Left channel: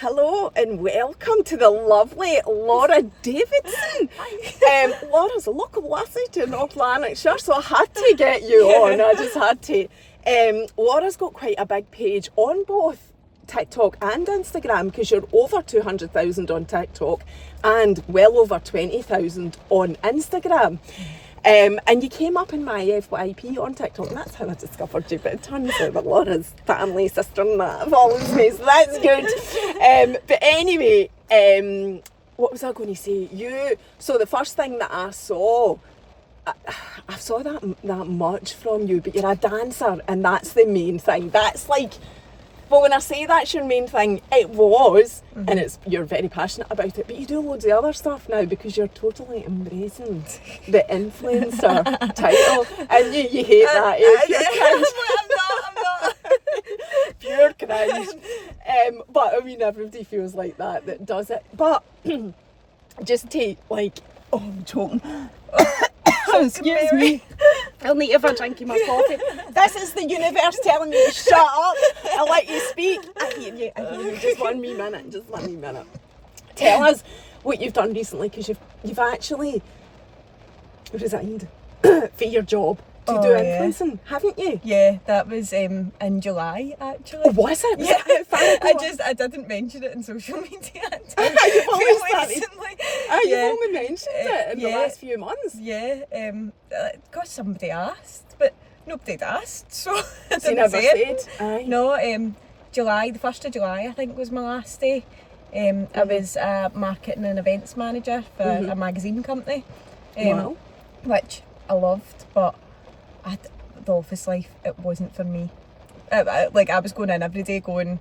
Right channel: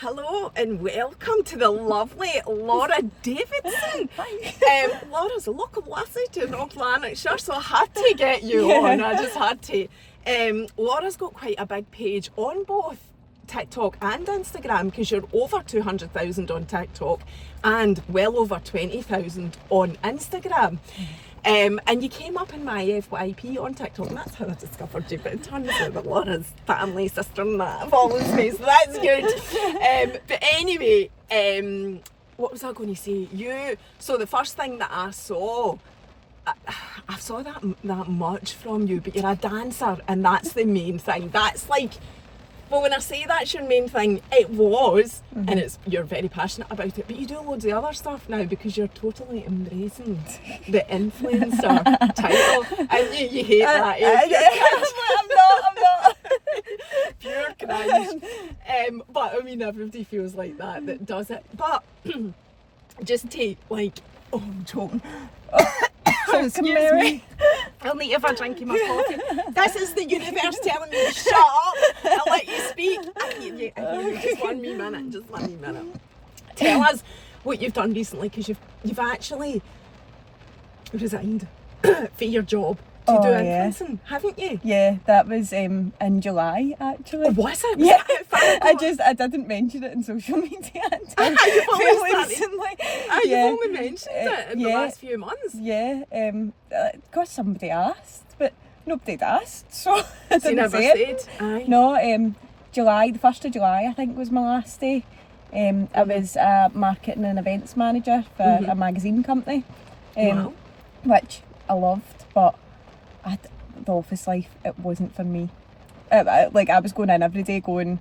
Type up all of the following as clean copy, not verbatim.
Hello and welcome to the lovely Laura Davidson. Hi. Laura's a local lassie to North Lanarkshire, so I had to get you on. I just had to. Laura's got quite a big page on both TikTok and Instagram because you're over 200,000 on TikTok and well over 20,000 on Instagram. And you came up in my FYP on TikTok, and that's how I discovered you. But it turns out that Laura's family, sister and that follows me, so that's good. But anyway, what was I going to say? So the first thing that I saw, I saw that much from you, but you're a dancer, and that's the main thing. That's like, well, when I say that's your main thing, it was, and you're very passionate about it, but you do loads of other stuff now because you're totally embracing the influencer title, and you hate that. I'm not. Pure cringe. But I mean, everybody feels like that does it. But just take I'm choking. excuse me. I'll need you for drinking my coffee. This is the universe telling you to shut up. I'll let you speak. I hear you. Just one wee minute. Tell us what you've done recently, because you've actually resigned for your job to do influencing, haven't you? Yeah, that was in July actually. Oh, was it? Yeah. How far ago? I didn't mention it in social media until You've only started. recently. You've only mentioned it in the last few months. Yeah, because somebody asked, but nobody'd asked, so I didn't never say it. said? Aye. No, July, the 1st of July I think was my last day. I was a marketing and events manager for a magazine company, Wow. which I loved, but the office life, it wasn't for me. I was going in every day going,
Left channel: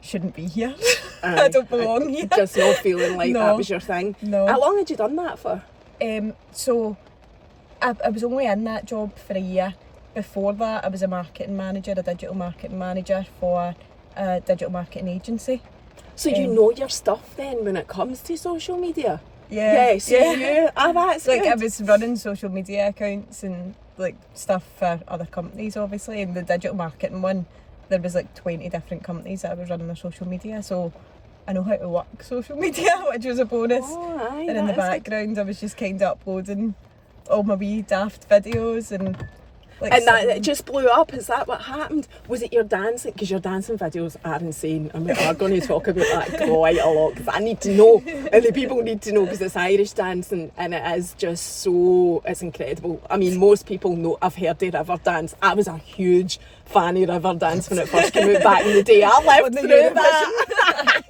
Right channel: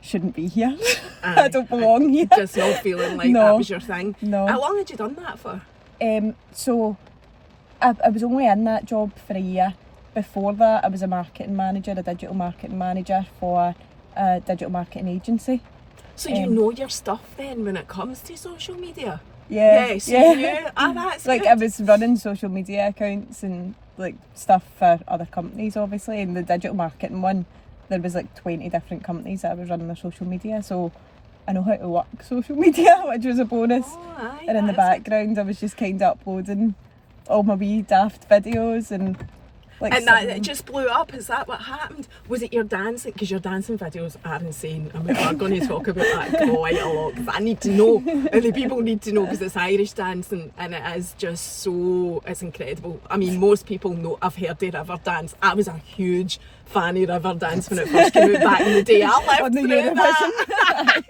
shouldn't be here. I don't belong here. Just not feeling like that was your thing. No. How long had you done that for? So I was only in that job for a year. Before that, I was a digital marketing manager for a digital marketing agency. So you know your stuff then when it comes to social media? Yeah. So that's Like good. I was running social media accounts and stuff for other companies, obviously, and the digital marketing one, there was 20 different companies that I was running their social media, so I know how to work social media, which was a bonus. Oh, aye, And in the that is background I was just kind of uploading all my wee daft videos and And that it just blew up. Is that what happened? Was it your dancing? Because your dancing videos are insane, and we are going to talk about that quite a lot because I need to know, and the people need to know, because it's Irish dancing and it is just so, it's incredible. I mean, most people know, I've heard of Riverdance. I was a huge fan of Riverdance when it first came out back in the day. I lived through that.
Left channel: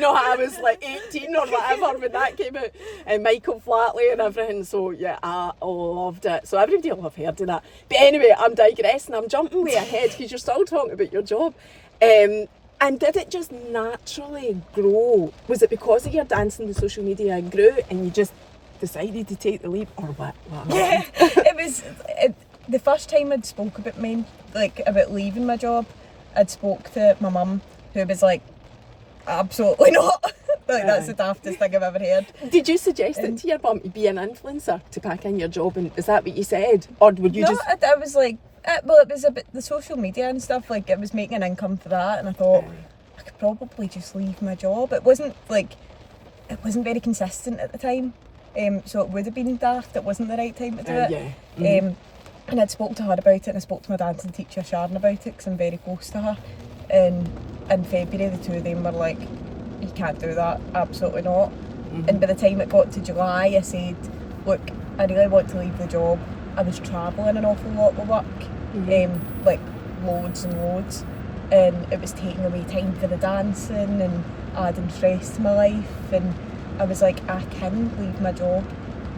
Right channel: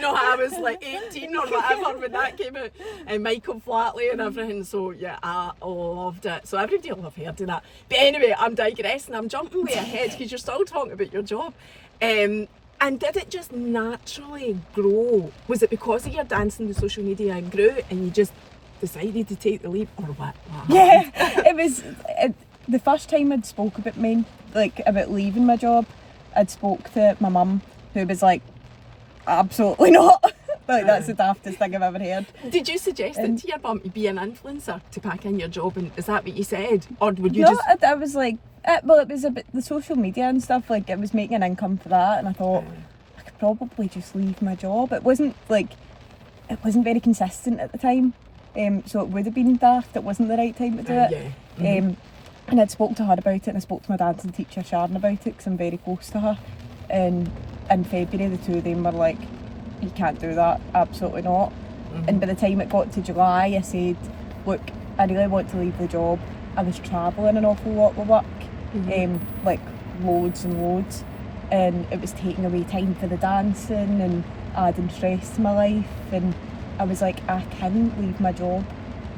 No, I was 18 or whatever when that came out, and Michael Flatley and everything. So yeah, I loved it. So everybody will have heard of that. But anyway, I'm digressing. I'm jumping way ahead because you're still talking about your job. And did it just naturally grow? Was it because of your dancing, the social media and grew, and you just decided to take the leap, or what? Yeah, it was the first time I'd spoke about about leaving my job. I'd spoke to my mum, who was like, absolutely not. That's the daftest thing I've ever heard. Did you suggest it to your mum to be an influencer, to pack in your job, and is that what you said, or would you just? I was like, well, it was a bit the social media and stuff. It was making an income for that, and I thought I could probably just leave my job. It wasn't very consistent at the time, so it would have been daft. It wasn't the right time to do it. Yeah. And I'd spoke to her about it, and I spoke to my dancing teacher Sharon about it because I'm very close to her. And in February, the two of them were like, you can't do that, absolutely not. And by the time it got to July, I said, look, I really want to leave the job. I was travelling an awful lot with work, loads and loads, and it was taking away time for the dancing and adding stress to my life, and I was like, I can't leave my job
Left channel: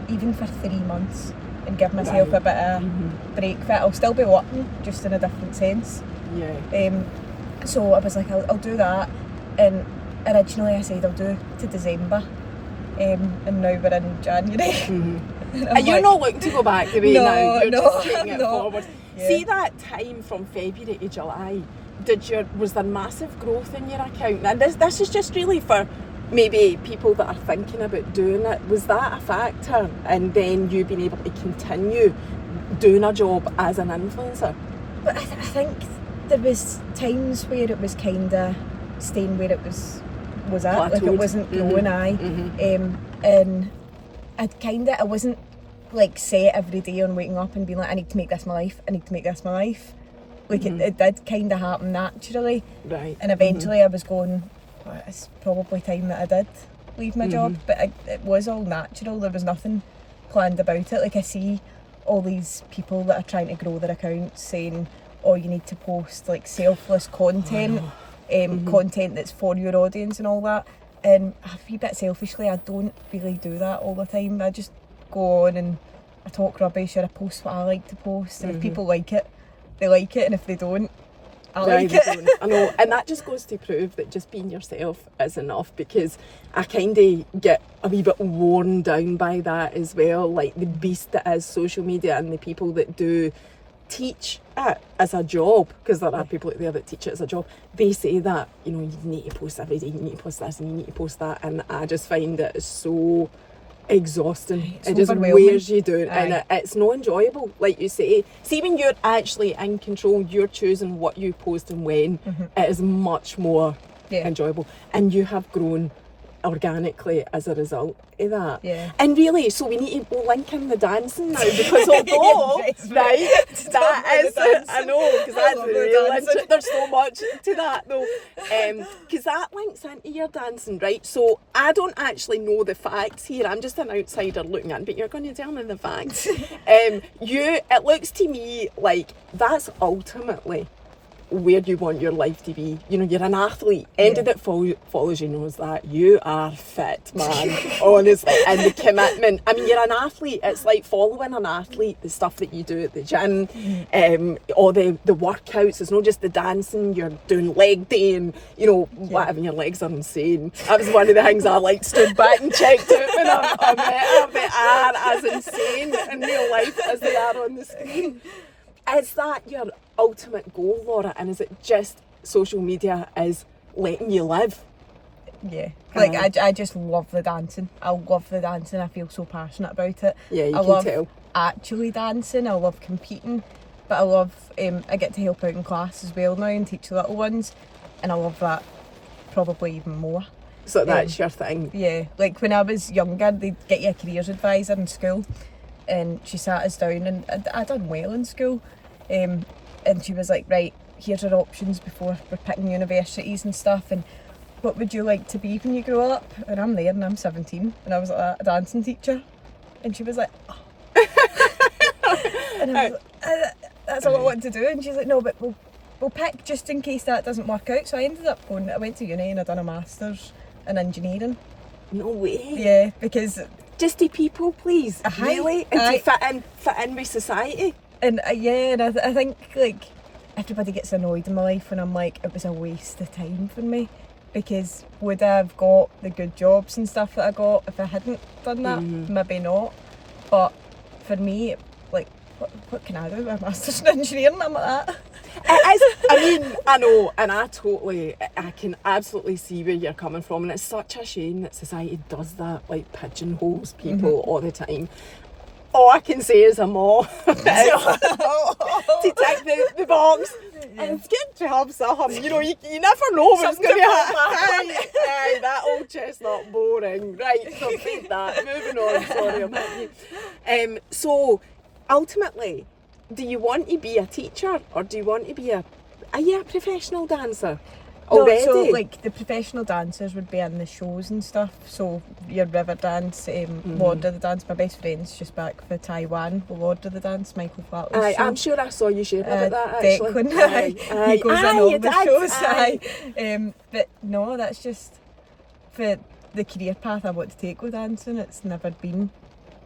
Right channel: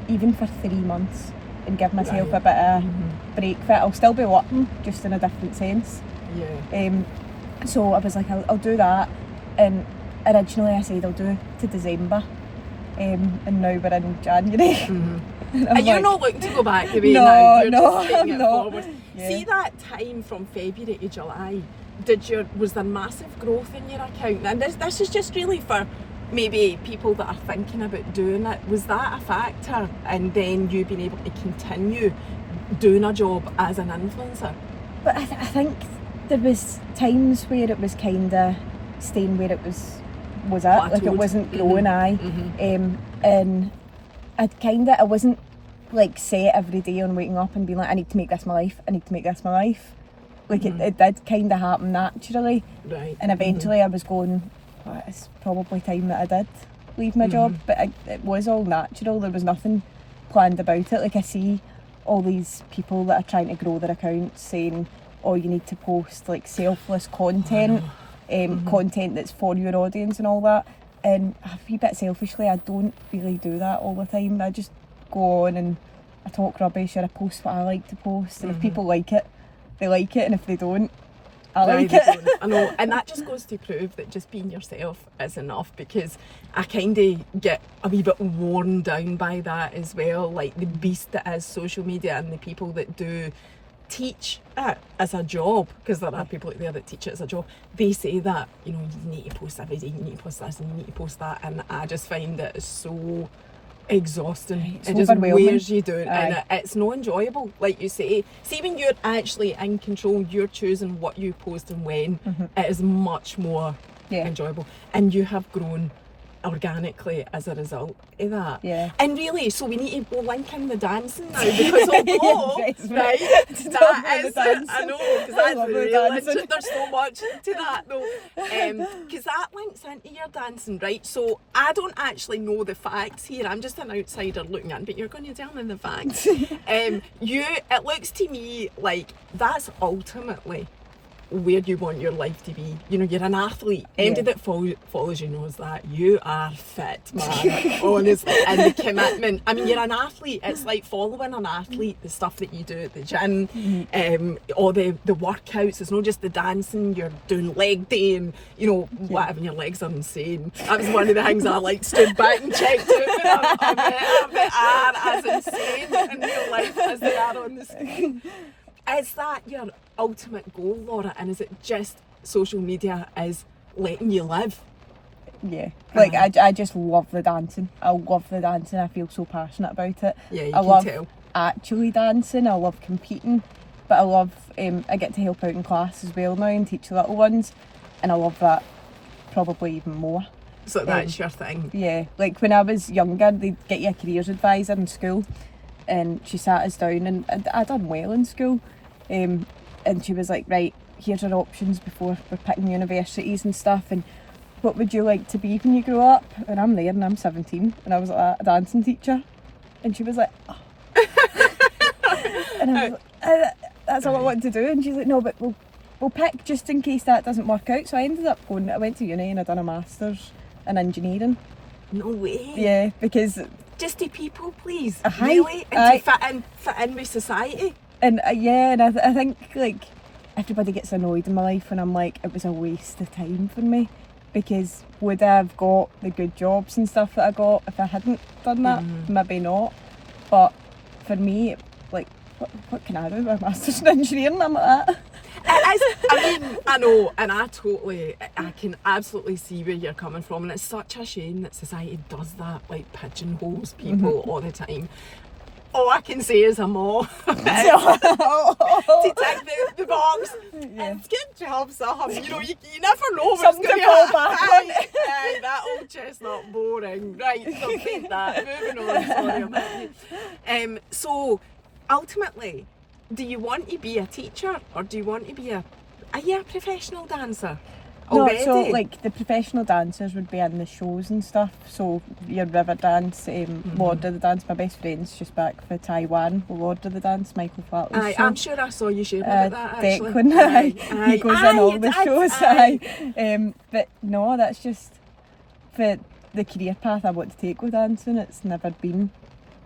even for 3 months and give myself a bit of break for it. I'll still be working, just in a different sense. Yeah. So I was like, I'll do that, and originally I said I'll do to December, and now we're in January. And you're not looking to go back the way now, you're just taking it forward. Yeah. See that time from February to July, was there massive growth in your account? And this is just really for maybe people that are thinking about doing it. Was that a factor? And then you being able to continue doing a job as an influencer? But I think there was times where it was kind of staying where it was was it. Like, it wasn't growing, and I wasn't like set every day on waking up and being like, I need to make this my life, like it did kind of happen naturally, Right. and eventually I was going, well, it's probably time that I did leave my job, but it was all natural. There was nothing planned about it. Like, I see all these people that are trying to grow their accounts saying, oh, you need to post like selfless content, content that's for your audience and all that, and a wee bit selfishly, I don't really do that all the time. I just go on and I talk rubbish, or I post what I like to post, and if people like it, they like it, and if they don't, I like it. I know, and that just goes to prove that just being yourself is enough, because I kind of get a wee bit worn down by that as well, like the beast that is social media, and the people that do teach it as a job, because there are people out there that teach it as a job. They say that, you know, you need to post every day, you need to post this and you need to post that, and I just find it is so exhausting. It's it just overwhelming. wears you down, and it's not enjoyable, like you say. See, when you're actually in control, you're choosing what you post and when, it is much more enjoyable, and you have grown organically as a result of that. And really, so we need to link in the dancing now, because although right, that is I know, because that's really there's so much to that though, because that links into your dancing, right? So I don't actually know the facts here, I'm just an outsider looking in, but you're going to tell me the facts. It looks to me like that's ultimately where you want your life to be. You know, you're an athlete. Anybody that follows you knows that. You are fit, man. Honestly. And the commitment. I mean, you're an athlete. It's like following an athlete, the stuff that you do at the gym, all the workouts. It's not just the dancing. You're doing leg day and, you know, whatever. Your legs are insane. That was one of the things I like stood back and checked out when I met they are as insane in real life as they are on the screen. Is that your ultimate goal, Laura? And is it just social media is letting you live? Yeah. Like, I just love the dancing. I love the dancing. I feel so passionate about it. Yeah, you I can love tell. Actually dancing. I love competing. But I love, I get to help out in class as well now and teach the little ones. And I love that probably even more. So that's your thing? Yeah. Like, when I was younger, they'd get you a careers advisor in school. And she sat us down, and I done well in school, and she was like, right, here's our options before we're picking universities and stuff, and what would you like to be when you grow up? And I'm there and I'm 17 and I was like, a dancing teacher, and she was like, oh. And I was like, that's all I want to do, and she's like, no, but we'll pick just in case that doesn't work out. So I ended up I went to uni and I done a master's in engineering. No way. Yeah, because just to people please, really, and to fit in with society. And and I think like everybody gets annoyed in my life when I'm like, it was a waste of time for me, because would I have got the good jobs and stuff that I got if I hadn't done that? Maybe not. But for me, like, what can I do with a master's in engineering? I'm like that. It is, I mean, I know, and I can absolutely see where you're coming from, and it's such a shame that society does that, like pigeonholes people all the time. All I can say is I'm all to tick the box and get jobs. You know, you never know what's going to happen. That old chestnut boring. Right, so take that. Moving on. Sorry about you. So ultimately, do you want to be a teacher, or do you want to be a professional dancer? Already? No, so like the professional dancers would be in the shows and stuff. So your river dance, Lord of the Dance. My best friend's just back for Taiwan. Lord of the Dance, Michael Flatley's show. I'm sure I saw you share about that actually. Declan, he goes in all the shows. But no, that's just for the career path I want to take with dancing. It's never been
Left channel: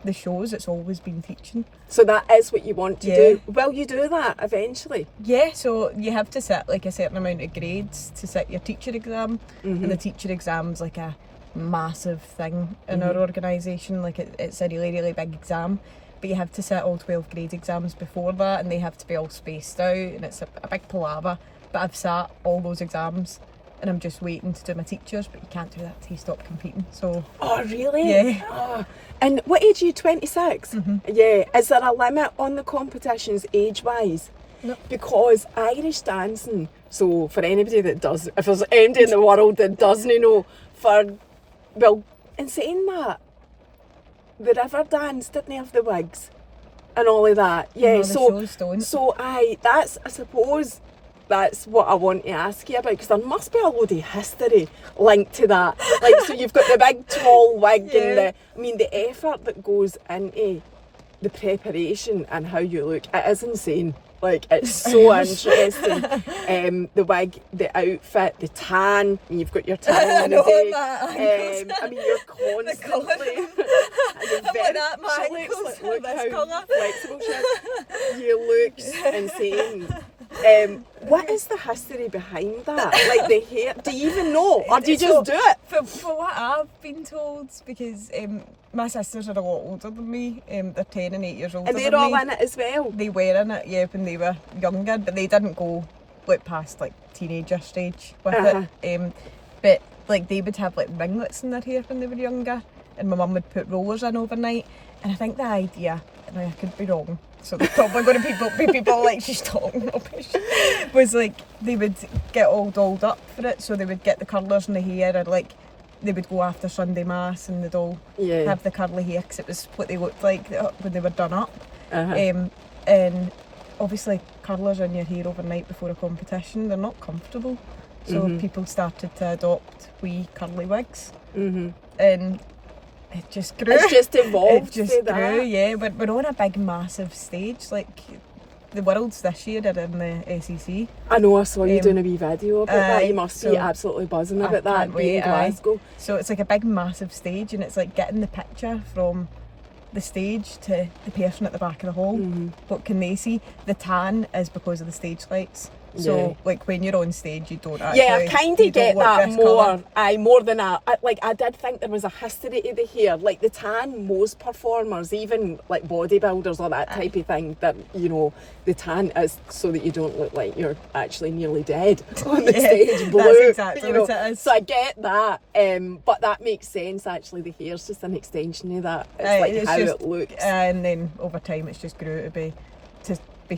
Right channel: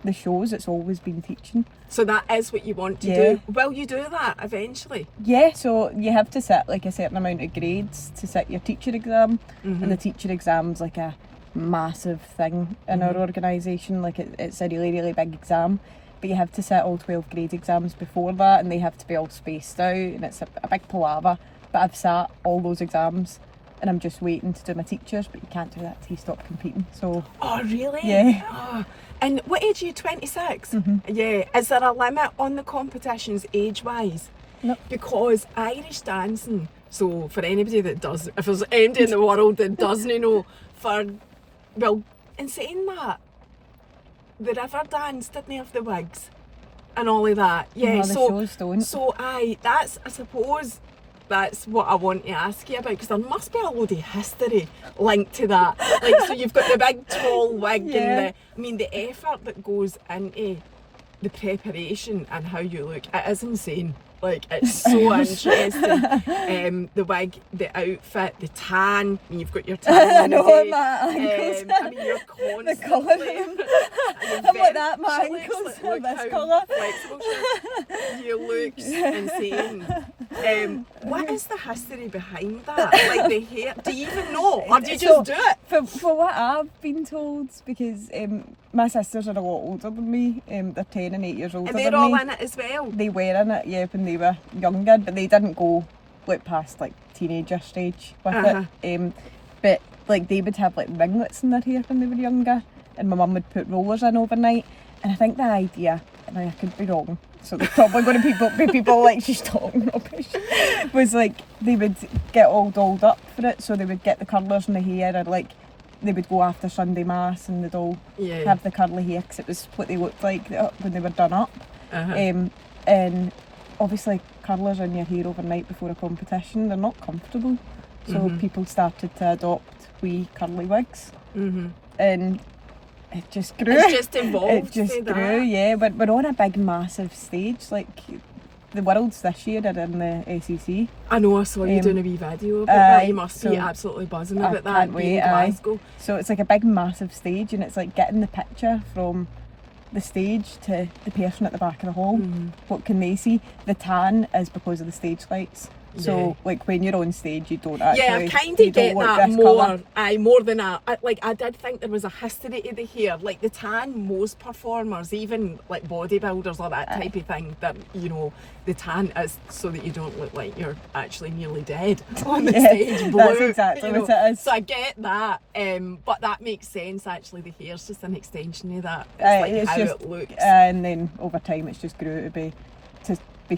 the shows, it's always been teaching. So that is what you want to do. Will you do that eventually? Yeah, so you have to sit like a certain amount of grades to sit your teacher exam, and the teacher exam's like a massive thing in our organisation. Like it's a really, really big exam, but you have to sit all 12 grade exams before that, and they have to be all spaced out, and it's a big palaver. But I've sat all those exams and I'm just waiting to do my teachers, but you can't do that till you stop competing. So oh really? Yeah. Oh. And what age are you? 26? Yeah. Is there a limit on the competitions age-wise? No. Because Irish dancing, so for anybody that does, if there's anybody in the world that doesn't know, well, in saying that, the river dance didn't have the wigs and all of that. Yeah, No, the shows don't. So I suppose that's what I want to ask you about, because there must be a load of history linked to that. Like, so you've got the big tall wig Yeah. and the effort that goes into the preparation and how you look, it is insane. Like, it's so interesting. The wig, the outfit, the tan. I mean, you've got your tan on the day. I mean, you're constantly. I'm like that, my ankles are this colour. Flexible you look insane. What is the history behind that? Like the hair, do you even know? Or do you just do it? For what I've been told, because my sisters are a lot older than me, they're 10 and 8 years older than me. And they're all in it as well? They were in it, yeah, when they were younger, but they didn't go like past like teenager stage with it. But like they would have like ringlets in their hair when they were younger, and my mum would put rollers in overnight. And I think the idea, and I could be wrong, so there's probably going to be people like she's talking rubbish, was like they would get all dolled up for it, so they would get the curlers in the hair, or like they would go after Sunday Mass and they'd all have the curly hair because it was what they looked like when they were done up. And obviously curlers in your hair overnight before a competition, they're not comfortable, so people started to adopt wee curly wigs, and it just grew. It's just evolved. It just grew, yeah. We're on a big, massive stage. Like the Worlds this year are in the SEC. I know, I saw you doing a wee video about that. You must be absolutely buzzing about that. Can't wait, in Glasgow. So it's like a big, massive stage, and it's like getting the picture from the stage to the person at the back of the hall. What can they see? The tan is because of the stage lights. So like when you're on stage, you don't actually. Yeah, I kind of get that more than I did think there was a history to the hair. Like the tan, most performers, even like bodybuilders or that type of thing, that you know the tan is so that you don't look like you're actually nearly dead on the stage. Blue, that's exactly what it is. So I get that, but that makes sense. Actually, the hair's just an extension of that. It's how it looks. And then over time, it's just grew to be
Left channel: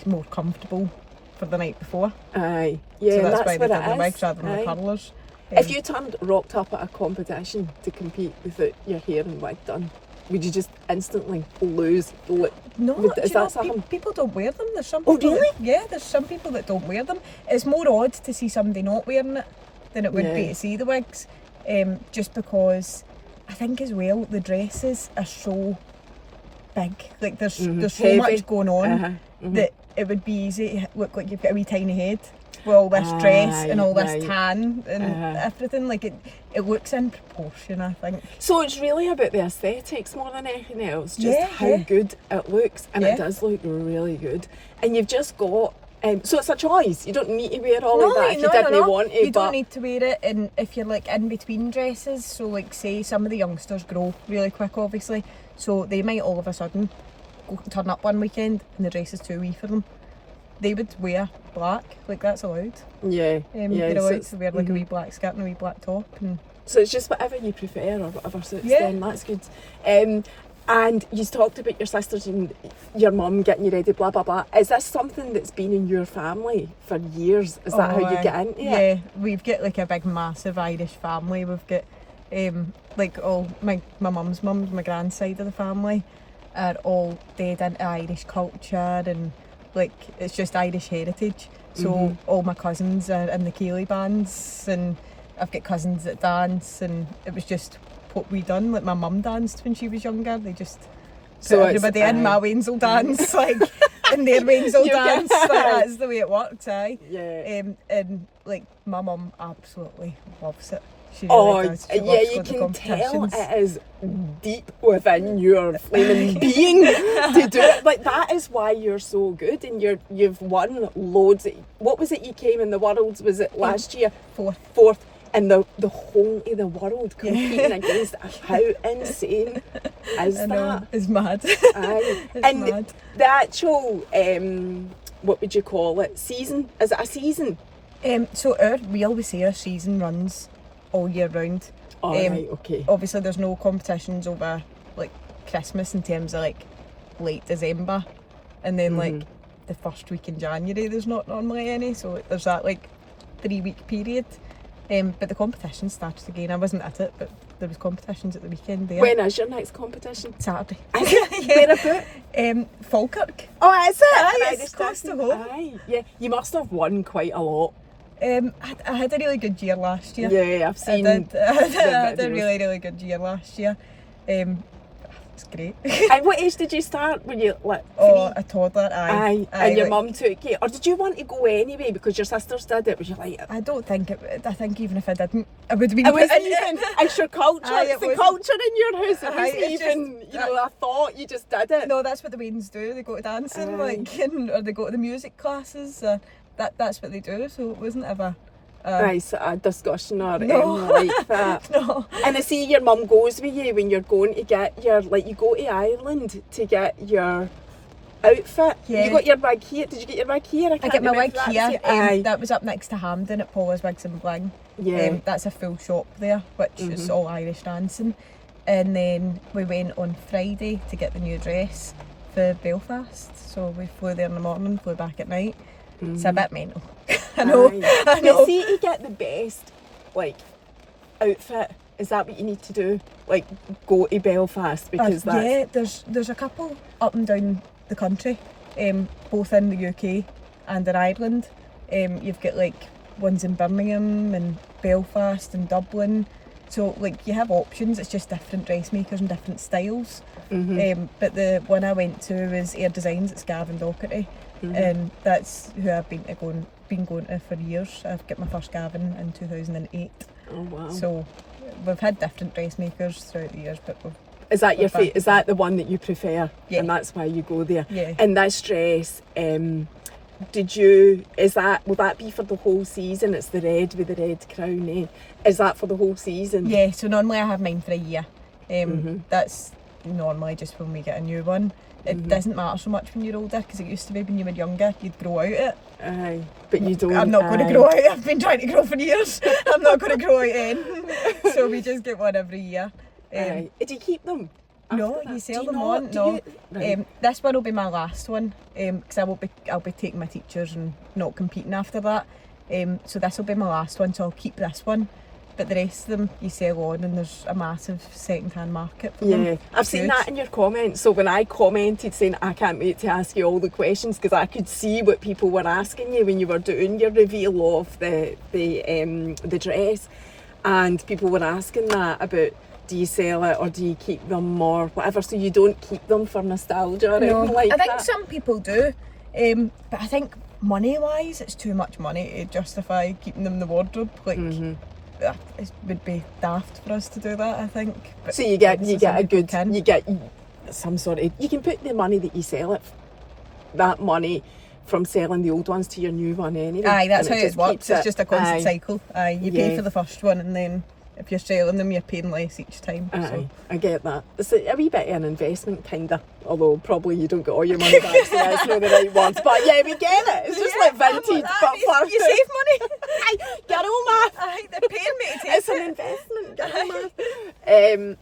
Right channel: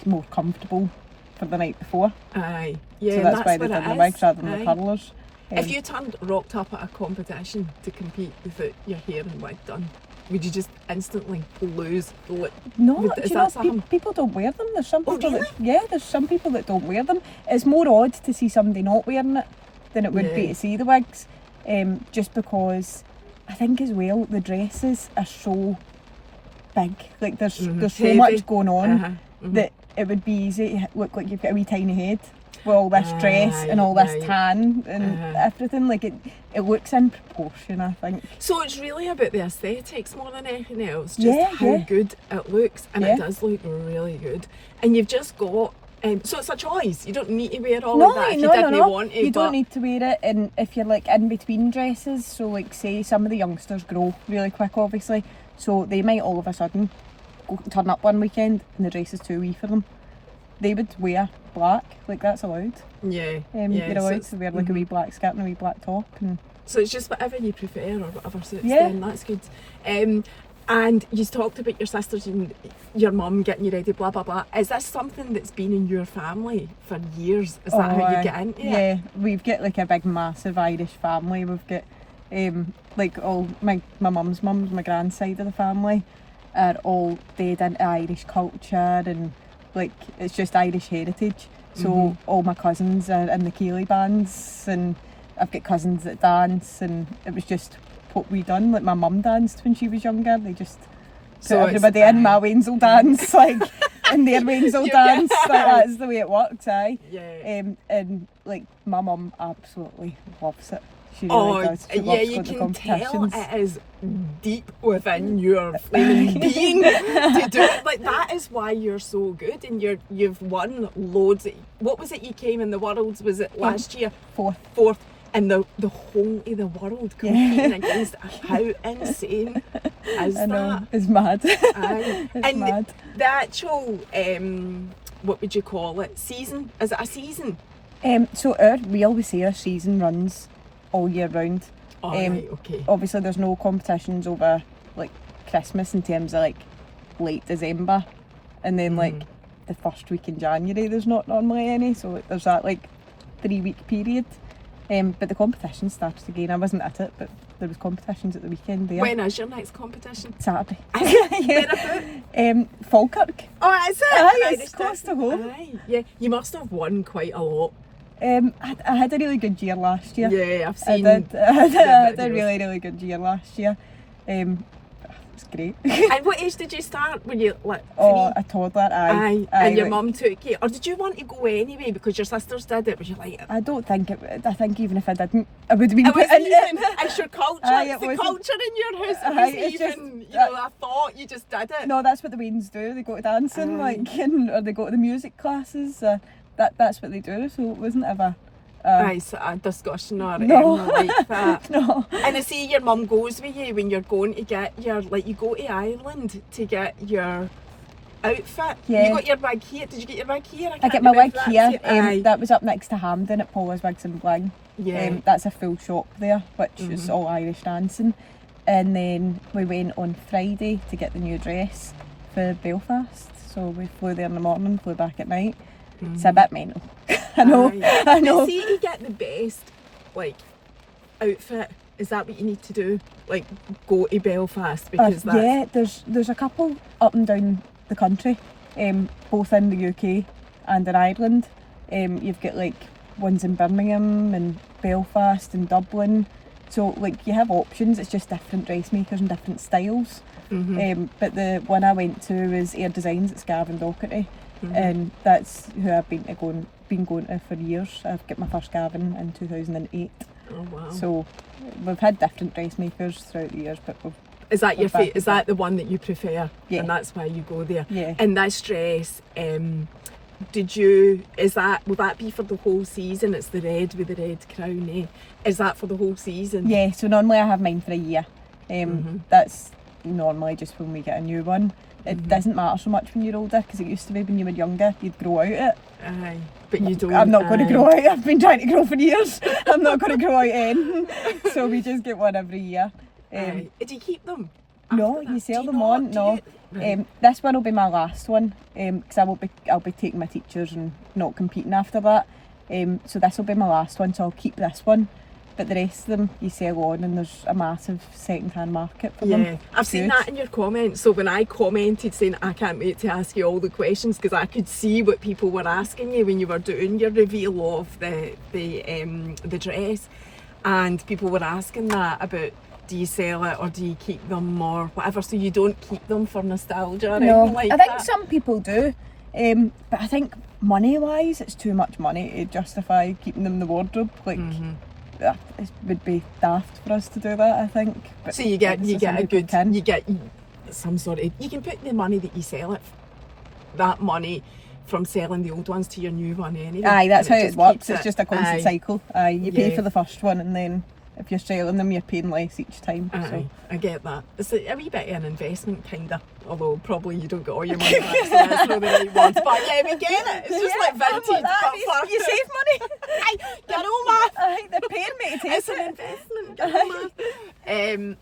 more comfortable for the night before. Aye, yeah. So that's why they did the wigs rather than the curlers. If you rocked up at a competition to compete without your hair and wig done, would you just instantly lose? No, people don't wear them. There's some people. Really? There's some people that don't wear them. It's more odd to see somebody not wearing it than it would be to see the wigs. Just because I think as well the dresses are so big. Like there's so heavy. much going on that it would be easy to look like you've got a wee tiny head with all this dress and all this tan and everything. Like it looks in proportion, I think. So it's really about the aesthetics more than anything else. Just how good it looks, and it does look really good. And you've just got. So it's a choice. You don't need to wear all of that if you didn't want to. You don't need to wear it, and if you're like in between dresses, so like say some of the youngsters grow really quick, obviously, so they might all of a sudden turn up one weekend and the dress is too wee for them. They would wear black, like that's allowed. They're allowed to wear like a wee black skirt and a wee black top, and so it's just whatever you prefer or whatever suits them. That's good. And you talked about your sisters and your mum getting you ready, blah blah blah. Is this something that's been in your family for years? Is that how you get into it? Yeah, we've got like a big massive Irish family. We've got like all my mum's mums, my grand side of the family are all dead into Irish culture, and like it's just Irish heritage. So all my cousins are in the Keeley bands, and I've got cousins that dance, and it was just what we done. Like my mum danced when she was younger. They just put everybody in. My Wayne's will dance, like, and their Wayne's will dance. Like, that's the way it works, aye. Yeah. And like my mum absolutely loves it. She really does. She loves going to competitions. Tell it is deep within your flaming being to do it. Like that is why you're so good, and you've won loads. What was it you came in the Worlds? Was it last year? Fourth. And the whole of the world competing against how insane is that? I know, it's mad. It's mad. The actual, what would you call it, season? Is it a season? So we always say our season runs all year round. Right, okay. Obviously there's no competitions over like Christmas in terms of like late December, and then like the first week in January there's not normally any, so there's that like 3 week period. But the competition started again. I wasn't at it, but there was competitions at the weekend there. When is your next competition? Saturday. Where Falkirk. Oh, is it? Aye, it's close to home. Aye, yeah. You must have won quite a lot. I had a really good year last year. Yeah, I've seen. I had a videos. really good year last year. It's great. And what age did you start? When you like? Oh, a toddler. Aye. And your mum took you, or did you want to go anyway because your sisters did it? Was you like? I don't think it. I think even if I didn't, I would have been. It was even. It's your culture. Aye, it's it the culture in your house. It Aye, wasn't it's even. just, you know, I thought you just did it. No, that's what the Waynes do. They go to dancing, Aye. or they go to the music classes. That's what they do. So it wasn't ever. Nice, a discussion or No. like that. No. And I see your mum goes with you when you're going to get your, like you go to Ireland to get your outfit. Yeah. You got your wig here. Did you get your wig here? I get my wig here. Aye. That was up next to Hampden at Paula's Wigs and Bling. Yeah. That's a full shop there, which is all Irish dancing. And then we went on Friday to get the new dress for Belfast. So we flew there in the morning, flew back at night. It's a bit mental. I know. Aye. I know. But see, to get the best, like, outfit, is that what you need to do? Like, go to Belfast because that's... Yeah, there's a couple up and down the country, both in the UK and in Ireland. You've got like ones in Birmingham and Belfast and Dublin. So like you have options, it's just different dressmakers and different styles. But the one I went to was Air Designs at Scaven Docherty, and that's who I've been going to for years. I've got my first Gavin in 2008. Oh wow. So we've had different dressmakers throughout the years, but Is that your we're back is that the one that you prefer? Yeah. And that's why you go there? Yeah. And this dress, will that be for the whole season? It's the red with the red crown, eh? Is that for the whole season? Yeah, so normally I have mine for a year. That's normally just when we get a new one. It doesn't matter so much when you're older, because it used to be when you were younger, you'd grow out it. Aye. But you don't. I'm not going to grow out. I've been trying to grow for years. I'm not going to grow out in. So we just get one every year. Aye. Do you keep them? No, after you that? sell Do them not? on. Do No. you- Right. This one will be my last one, because I'll be taking my teachers and not competing after that. So this will be my last one, so I'll keep this one. But the rest of them you sell on, and there's a massive second-hand market for them. Yeah, I've seen Good. that in your comments. So when I commented saying I can't wait to ask you all the questions, because I could see what people were asking you when you were doing your reveal of the dress, and people were asking that about, do you sell it or do you keep them or whatever? So you don't keep them for nostalgia or No, anything like I think that? some people do, but I think money-wise, it's too much money to justify keeping them in the wardrobe. Like, it would be daft for us to do that, I think. But So you get obviously a some people good, can. you get some sort of, you can put the money that you sell it, that money from selling the old ones to your new one anyway. Aye, that's and how it just works. keeps It's just a constant aye. cycle. Aye, you pay Yeah. for the first one, and then if you're selling them, you're paying less each time. Aye, So I get that. It's a wee bit of an investment, kinda. Although probably you don't get all your money back, so that's not the right ones. But yeah, we get it. It's just like vintage, but for you save money. Aye, get on math. Aye, they're paying me to take It's an it. investment. Get on math.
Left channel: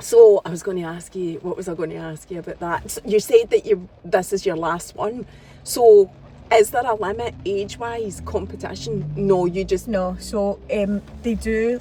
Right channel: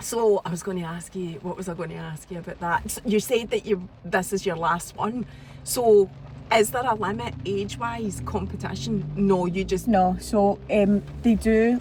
So I was going to ask you. What was I going to ask you about that? So you said that this is your last one. So is there a limit age-wise competition? No, you just No, so they do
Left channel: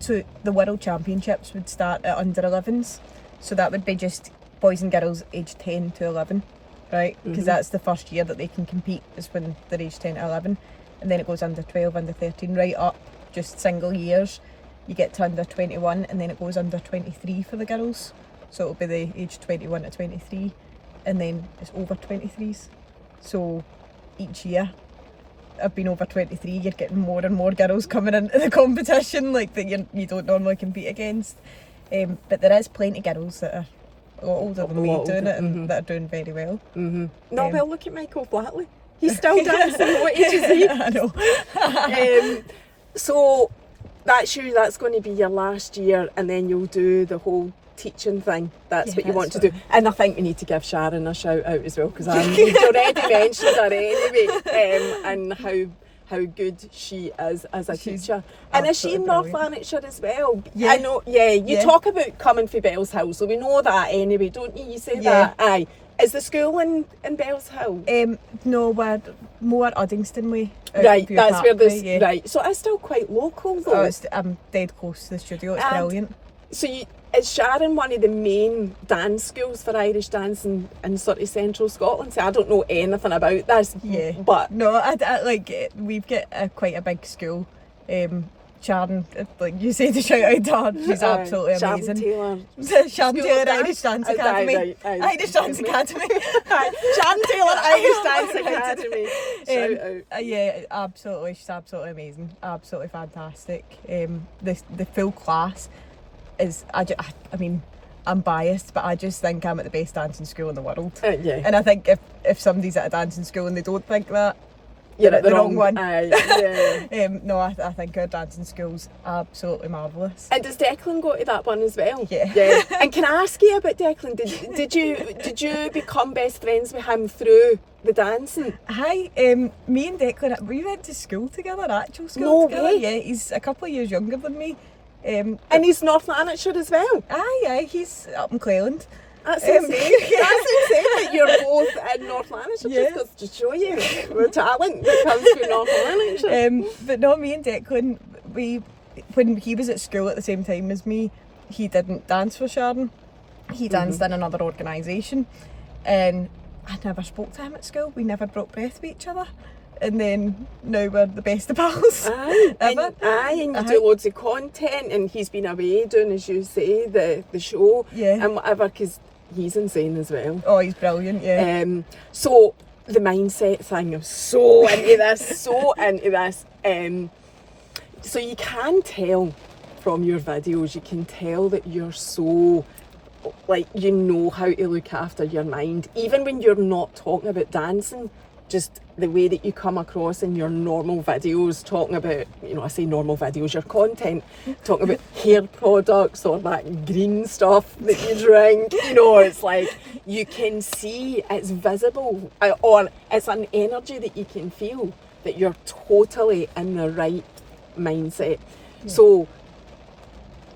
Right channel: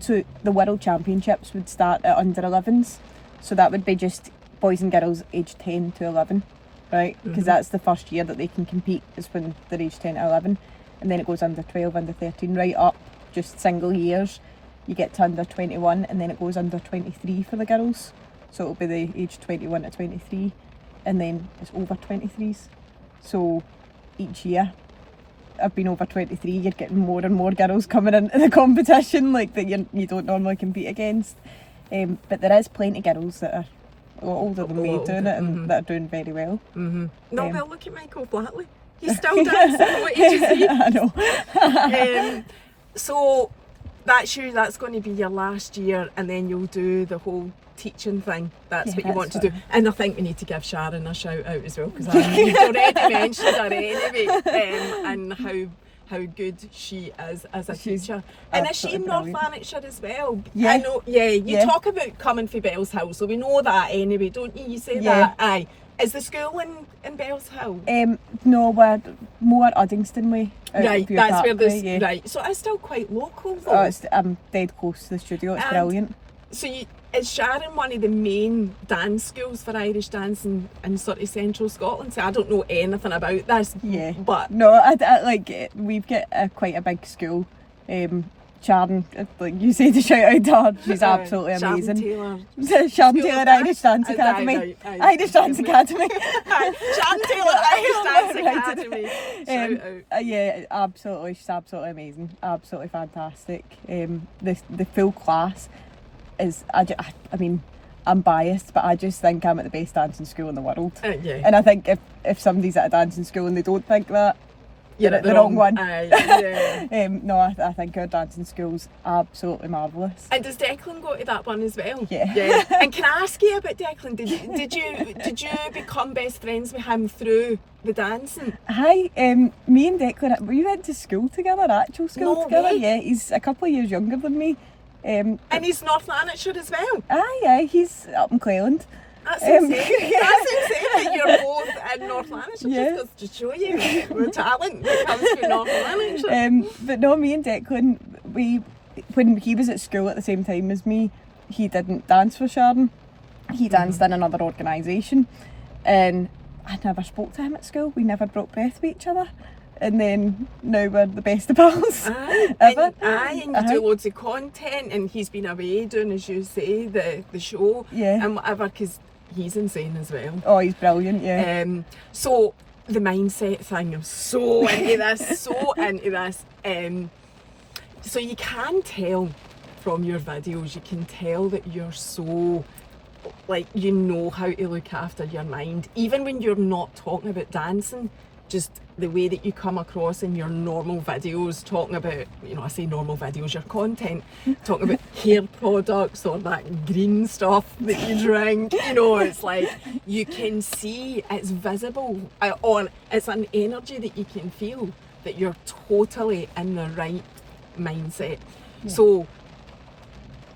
so the World Championships would start at under 11s, so that would be just boys and girls aged 10 to 11, right? Because that's the first year that they can compete, is when they're aged 10 to 11, and then it goes under 12, under 13, right up, just single years. You get to under 21, and then it goes under 23 for the girls, so it'll be the age 21 to 23, and then it's over 23s. So each year I've been over 23, you're getting more and more girls coming into the competition, like that you don't normally compete against. But there is plenty of girls that are a lot older than me doing it, and that are doing very well. No, well, look at Michael Flatley. He's still dancing. What age is he? I know. So that's going to be your last year, and then you'll do the whole teaching thing. That's Yeah, what you want that's to do. And I think we need to give Sharon a shout out as well, because you've already mentioned her anyway, and how good she is as a She's teacher. And is she in absolutely North brilliant. Lanarkshire as well? Yeah. I know, yeah, you Yeah. talk about coming for Bells Hill, so we know that anyway, don't you? You say Yeah. that, aye. Is the school in Bells Hill? No, we're more Uddingston way. out Right, View that's where Parkway, this, yeah. right, so it's still quite local though. Oh, I'm dead close to the studio, it's And brilliant. So is Sharon one of the main dance schools for Irish dance in sort of central Scotland? So I don't know anything about this, Yeah. but No, I like, we've got quite a big school. Sharon, like you say, to shout out to her, she's absolutely amazing. Taylor. Sharon School Taylor of Dance? Irish Dance Academy. Aye. Irish Dance Academy. Sharon Taylor Irish Dance Right. Academy. Shout out. Yeah, absolutely. She's absolutely amazing. Absolutely fantastic. The full class is, I mean, I'm biased, but I just think I'm at the best dancing school in the world. Yeah. And I think if somebody's at a dancing school and they don't think that, You're they're at the wrong one. Aye, yeah. No, I think our dancing school's absolutely marvellous. And does Declan go to that one as well? Yeah. And can I ask you about Declan? Did you become best friends with him through the dancing? Hi, me and Declan, we went to school together, actual school No together. way. Yeah, he's a couple of years younger than me. And he's North Lanarkshire as well. Aye, he's up in Cleland. That's insane. Yeah. That's insane that you're both in North Lanarkshire. Yeah. Just goes to show you the talent that comes from North Lanarkshire. But no, me and Declan, when he was at school at the same time as me, he didn't dance for Sharon. He danced in another organisation, and I never spoke to him at school. We never broke breath with each other. And then now we're the best of pals ever. And you do loads of content, and he's been away doing, as you say, the show Yeah. and whatever, because he's insane as well. Oh, he's brilliant, yeah. So the mindset thing, I'm so into this, so into this. So you can tell from your videos, you can tell that you're so, like, you know how to look after your mind, even when you're not talking about dancing. Just the way that you come across in your normal videos, talking about, you know, I say normal videos, your content, talking about hair products or that green stuff that you drink, you know, it's like you can see, it's visible, or it's an energy that you can feel that you're totally in the right mindset. Yeah. So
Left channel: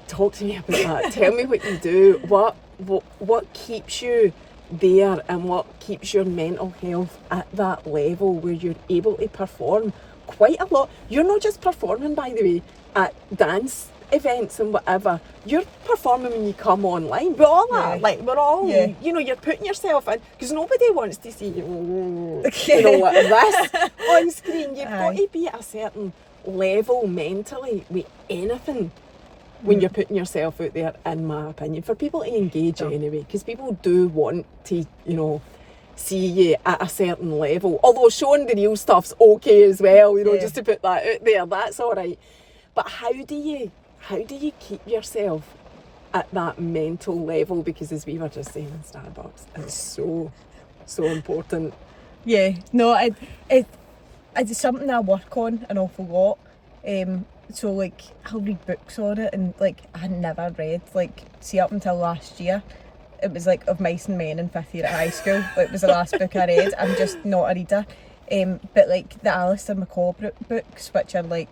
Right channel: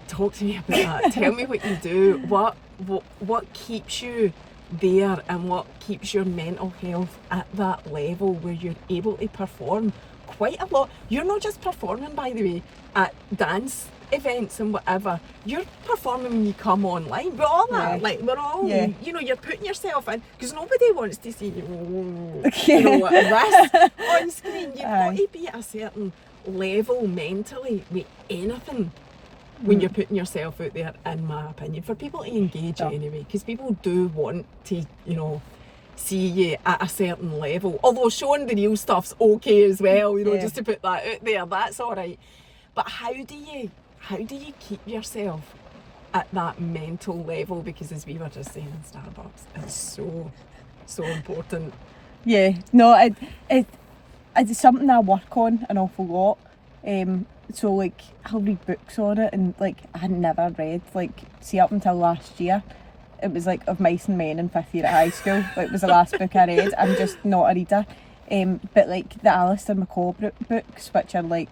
talk to me about that. Tell me what you do. What keeps you there, and what keeps your mental health at that level where you're able to perform quite a lot. You're not just performing, by the way, at dance events and whatever. You're performing when you come online. We're all we're all, you know, you're putting yourself in, because nobody wants to see you, you know, like this on screen. You've got to be at a certain level mentally with anything when you're putting yourself out there, in my opinion, for people to engage anyway, because people do want to, you know, see you at a certain level. Although showing the real stuff's okay as well, you know, just to put that out there, that's all right. But how do you keep yourself at that mental level? Because as we were just saying in Starbucks, it's so important. Yeah, no, it's something I work on an awful lot. So like I'll read books on it, and like I had never read, like, see, up until last year it was like Of Mice and Men in 5th year at high school. Like, it was the last book I read. I'm just not a reader. But like the Alistair McCall books, which are like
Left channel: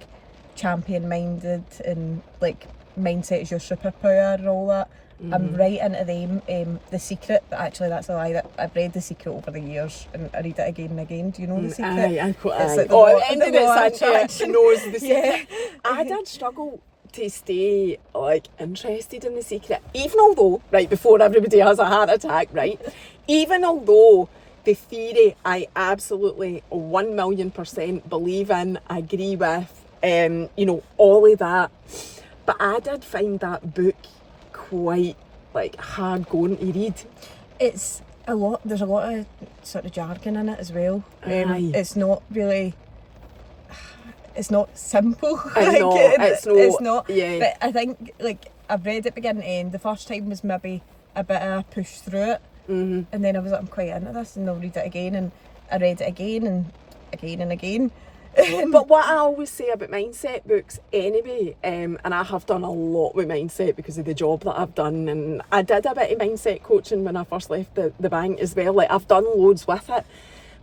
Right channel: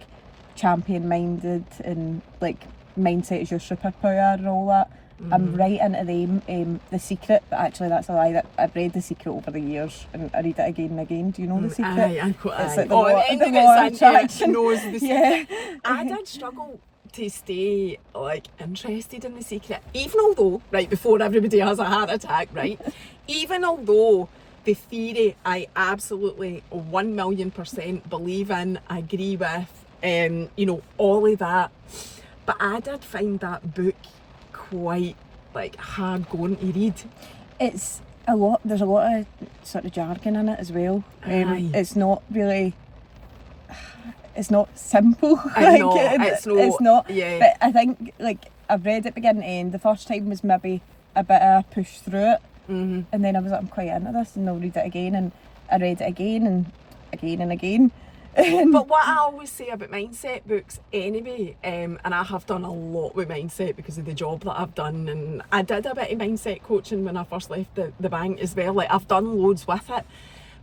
champion minded and like mindset is your superpower and all that, I'm right into them. The Secret, but actually that's a lie, that I've read The Secret over the years and I read it again and again. Do you know The Secret? It's like the law of attraction. Knows The Secret. Yeah. I did struggle to stay like interested in The Secret, even although, right, before everybody has a heart attack, right, even although the theory I absolutely 1,000,000% believe in, agree with, you know, all of that, but I did find that book quite like hard going to read. It's a lot, there's a lot of sort of jargon in it as well. It's not really, it's not simple. It's not. Yeah. But I think, like, I've read it beginning to end. The first time was maybe a bit of a push through it, and then I was like, I'm quite into this, and I'll read it again, and I read it again and again and again. But what I always say about mindset books anyway, and I have done a lot with mindset because of the job that I've done, and I did a bit of mindset coaching when I first left the bank as well. Like, I've done loads with it,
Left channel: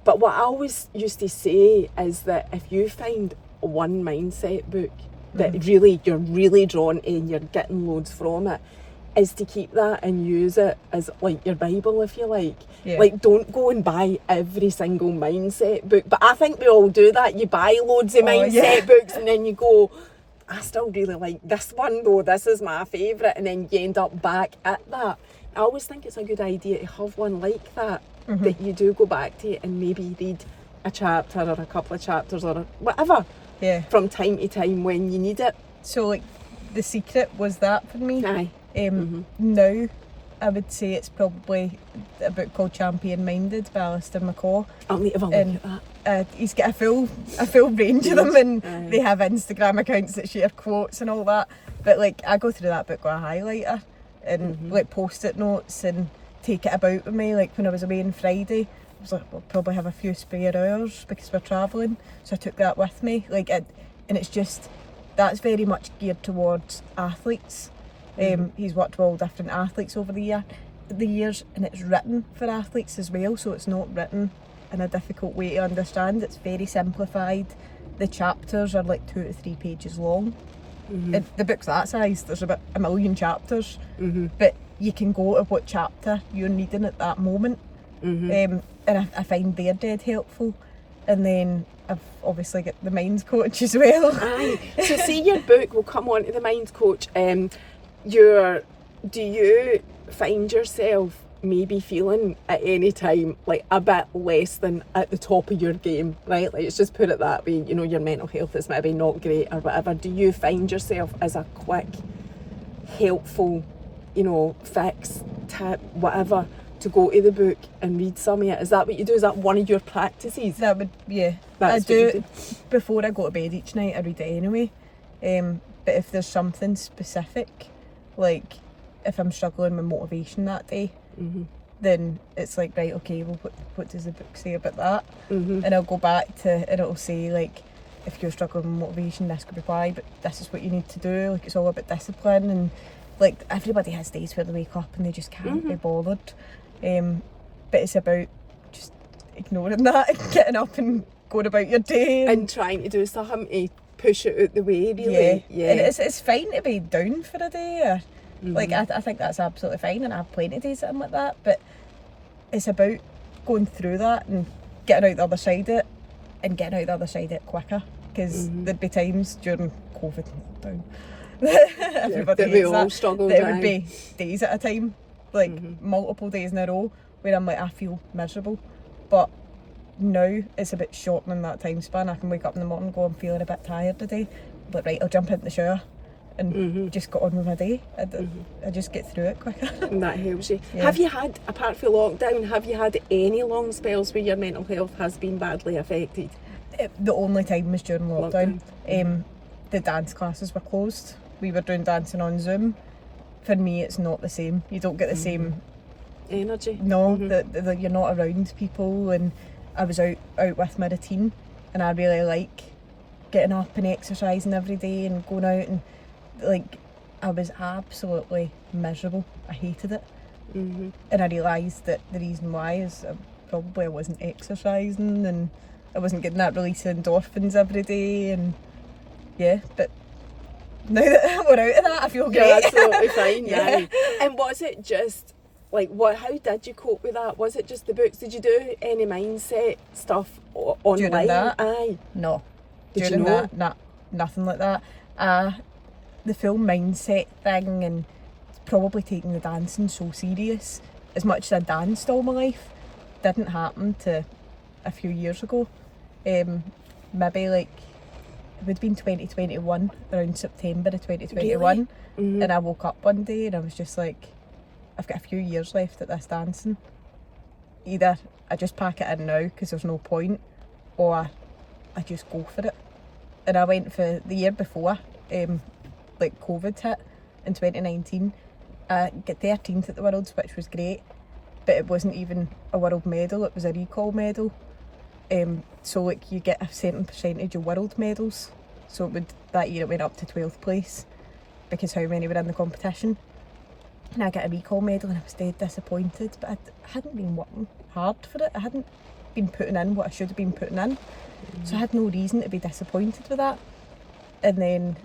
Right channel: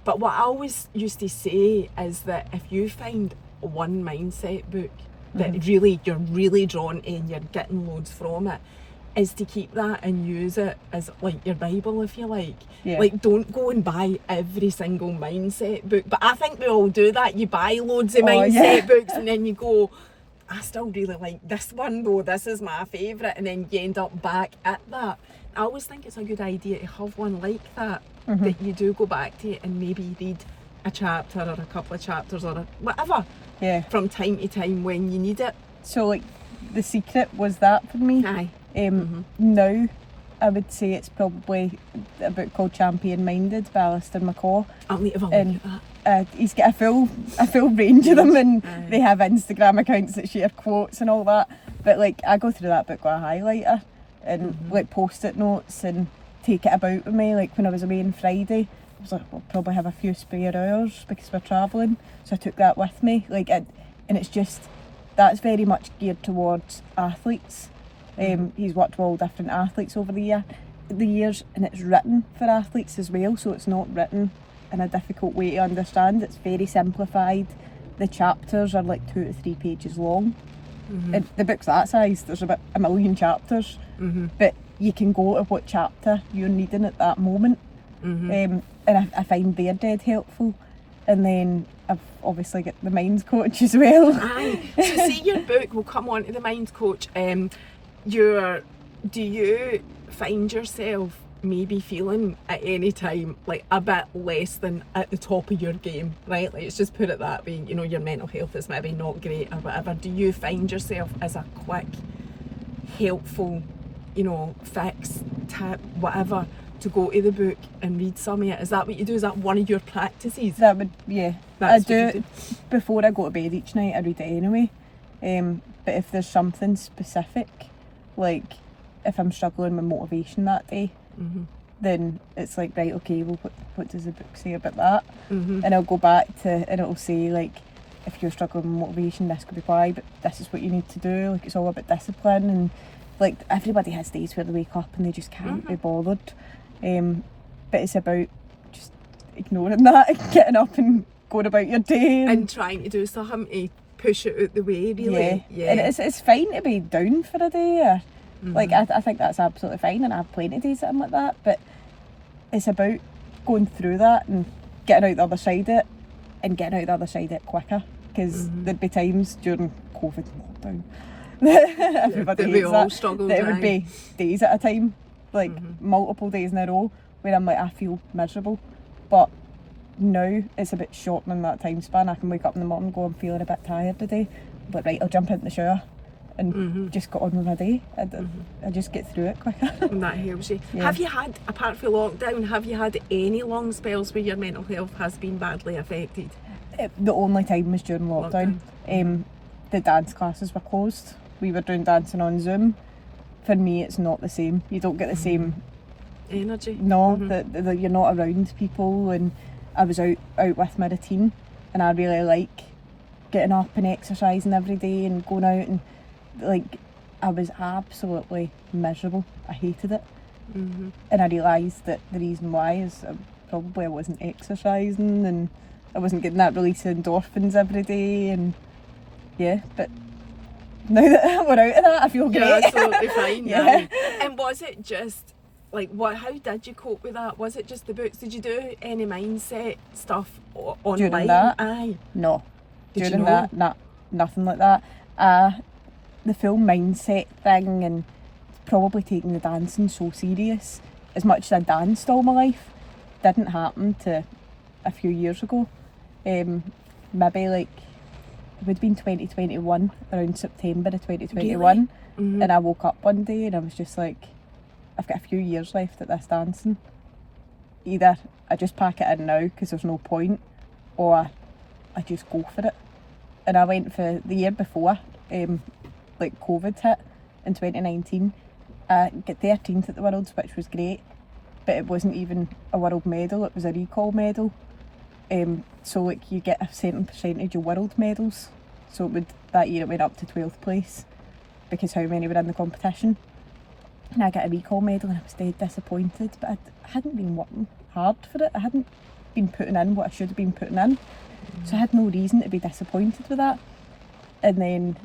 But what I always used to say is that if you find one mindset book that really you're really drawn to and you're getting loads from it, is to keep that and use it as like your Bible, if you like. Yeah. Like, don't go and buy every single mindset book. But I think we all do that. You buy loads of mindset books and then you go, I still really like this one though, this is my favourite, and then you end up back at that. I always think it's a good idea to have one like that, that you do go back to and maybe read a chapter or a couple of chapters or whatever from time to time when you need it. So like The Secret was that for me. Aye. Now I would say it's probably a book called Champion Minded by Alistair McCaw. I'll need to have a look And at that. he's got a full range of them, and they have Instagram accounts that share quotes and all that. But like, I go through that book with a highlighter and like post-it notes and take it about with me. Like when I was away on Friday, I was like, we'll probably have a few spare hours because we're travelling, so I took that with me. Like, and it's just, that's very much geared towards athletes. He's worked with all different athletes over the years, and it's written for athletes as well, so it's not written in a difficult way to understand. It's very simplified. The chapters are like 2 to 3 pages long. And the book's that size, there's about 1 million chapters, but you can go to what chapter you're needing at that moment. And I find they're dead helpful. And then I've obviously got the Minds Coach as well. Aye. So see, your book, will come on to the Minds Coach. Do you find yourself maybe feeling at any time like a bit less than at the top of your game, right? Like, let's just put it that way, you know, your mental health is maybe not great or whatever. Do you find yourself as a quick, helpful, you know, fix, tip, whatever, to go to the book and read some of it? Is that what you do? Is that one of your practices? That would, yeah. That's I do what you it before I go to bed each night. I read it anyway. But if there's something specific, like if I'm struggling with motivation that day, then it's like, right, okay, well, what does the book say about that? And I'll go back to, and it'll say, like, if you're struggling with motivation, this could be why, but this is what you need to do. Like, it's all about discipline, and like, everybody has days where they wake up and they just can't be bothered. But it's about just ignoring that and getting up and going about your day. And trying to do something to push it out the way, really. Yeah. And it's fine to be down for a day. Or, like, I think that's absolutely fine, and I have plenty of days that I'm like that. But it's about going through that and getting out the other side of it, and getting out the other side of it quicker. Because there'd be times during COVID lockdown, everybody that we hates all that, struggled, that it would be days at a time, like multiple days in a row, where I'm like, I feel miserable. But now it's a bit shortening that time span. I can wake up in the morning and go, I'm feeling a bit tired today, but right, I'll jump into the shower and just get on with my day. I just get through it quicker. And that helps you. Have you had, apart from lockdown, have you had any long spells where your mental health has been badly affected? The only time was during lockdown. The dance classes were closed. We were doing dancing on Zoom. For me, it's not the same. You don't get the same energy. No, that you're not around people. And I was out with my routine, and I really like getting up and exercising every day and going out, and like, I was absolutely miserable. I hated it. And I realised that the reason why is probably I wasn't exercising and I wasn't getting that release of endorphins every day. And yeah, but now that we're out of that, I feel great. You're absolutely fine. And was it just like, how did you cope with that? Was it just the books? Did you do any mindset stuff online? During that? Aye. No. Did During you know? that, nothing like that. The full mindset thing, and probably taking the dancing so serious, as much as I danced all my life, didn't happen to a few years ago. Maybe like, it would have been 2021, around September of 2021. Really? And I woke up one day and I was just like, I've got a few years left at this dancing. Either I just pack it in now because there's no point, or I just go for it. And I went for the year before, like COVID hit in 2019. I got 13th at the Worlds, which was great, but it wasn't even a world medal, it was a recall medal. So like, you get a certain percentage of world medals. So that year it went up to 12th place because how many were in the competition. And I got a recall medal and I was dead disappointed, but I hadn't been working hard for it. I hadn't been putting in what I should have been putting in. So I had no reason to be disappointed with that. And then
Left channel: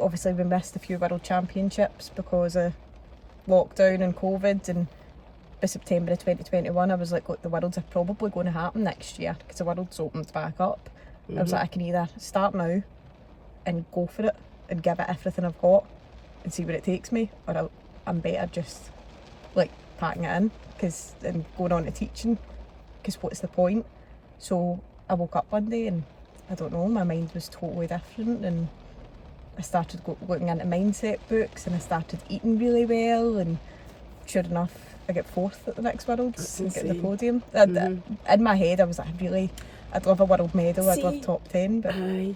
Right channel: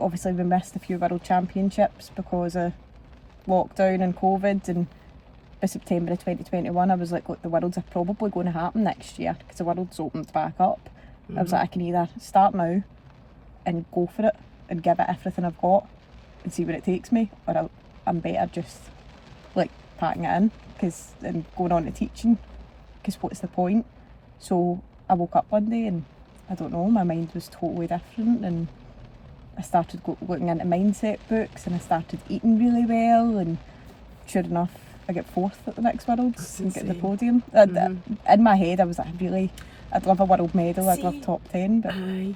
obviously we missed a few World Championships because of lockdown and COVID, and by September of 2021 I was like, look, the Worlds are probably going to happen next year because the World's opened back up. I was like, I can either start now and go for it and give it everything I've got and see where it takes me, or I'm better just like packing it in and going on to teaching, because what's the point? So I woke up one day and I don't know, my mind was totally different, and I started looking into mindset books, and I started eating really well, and sure enough I get 4th at the next Worlds and get the podium. In my head I was like, I'd love a world medal, I'd love top 10, but aye,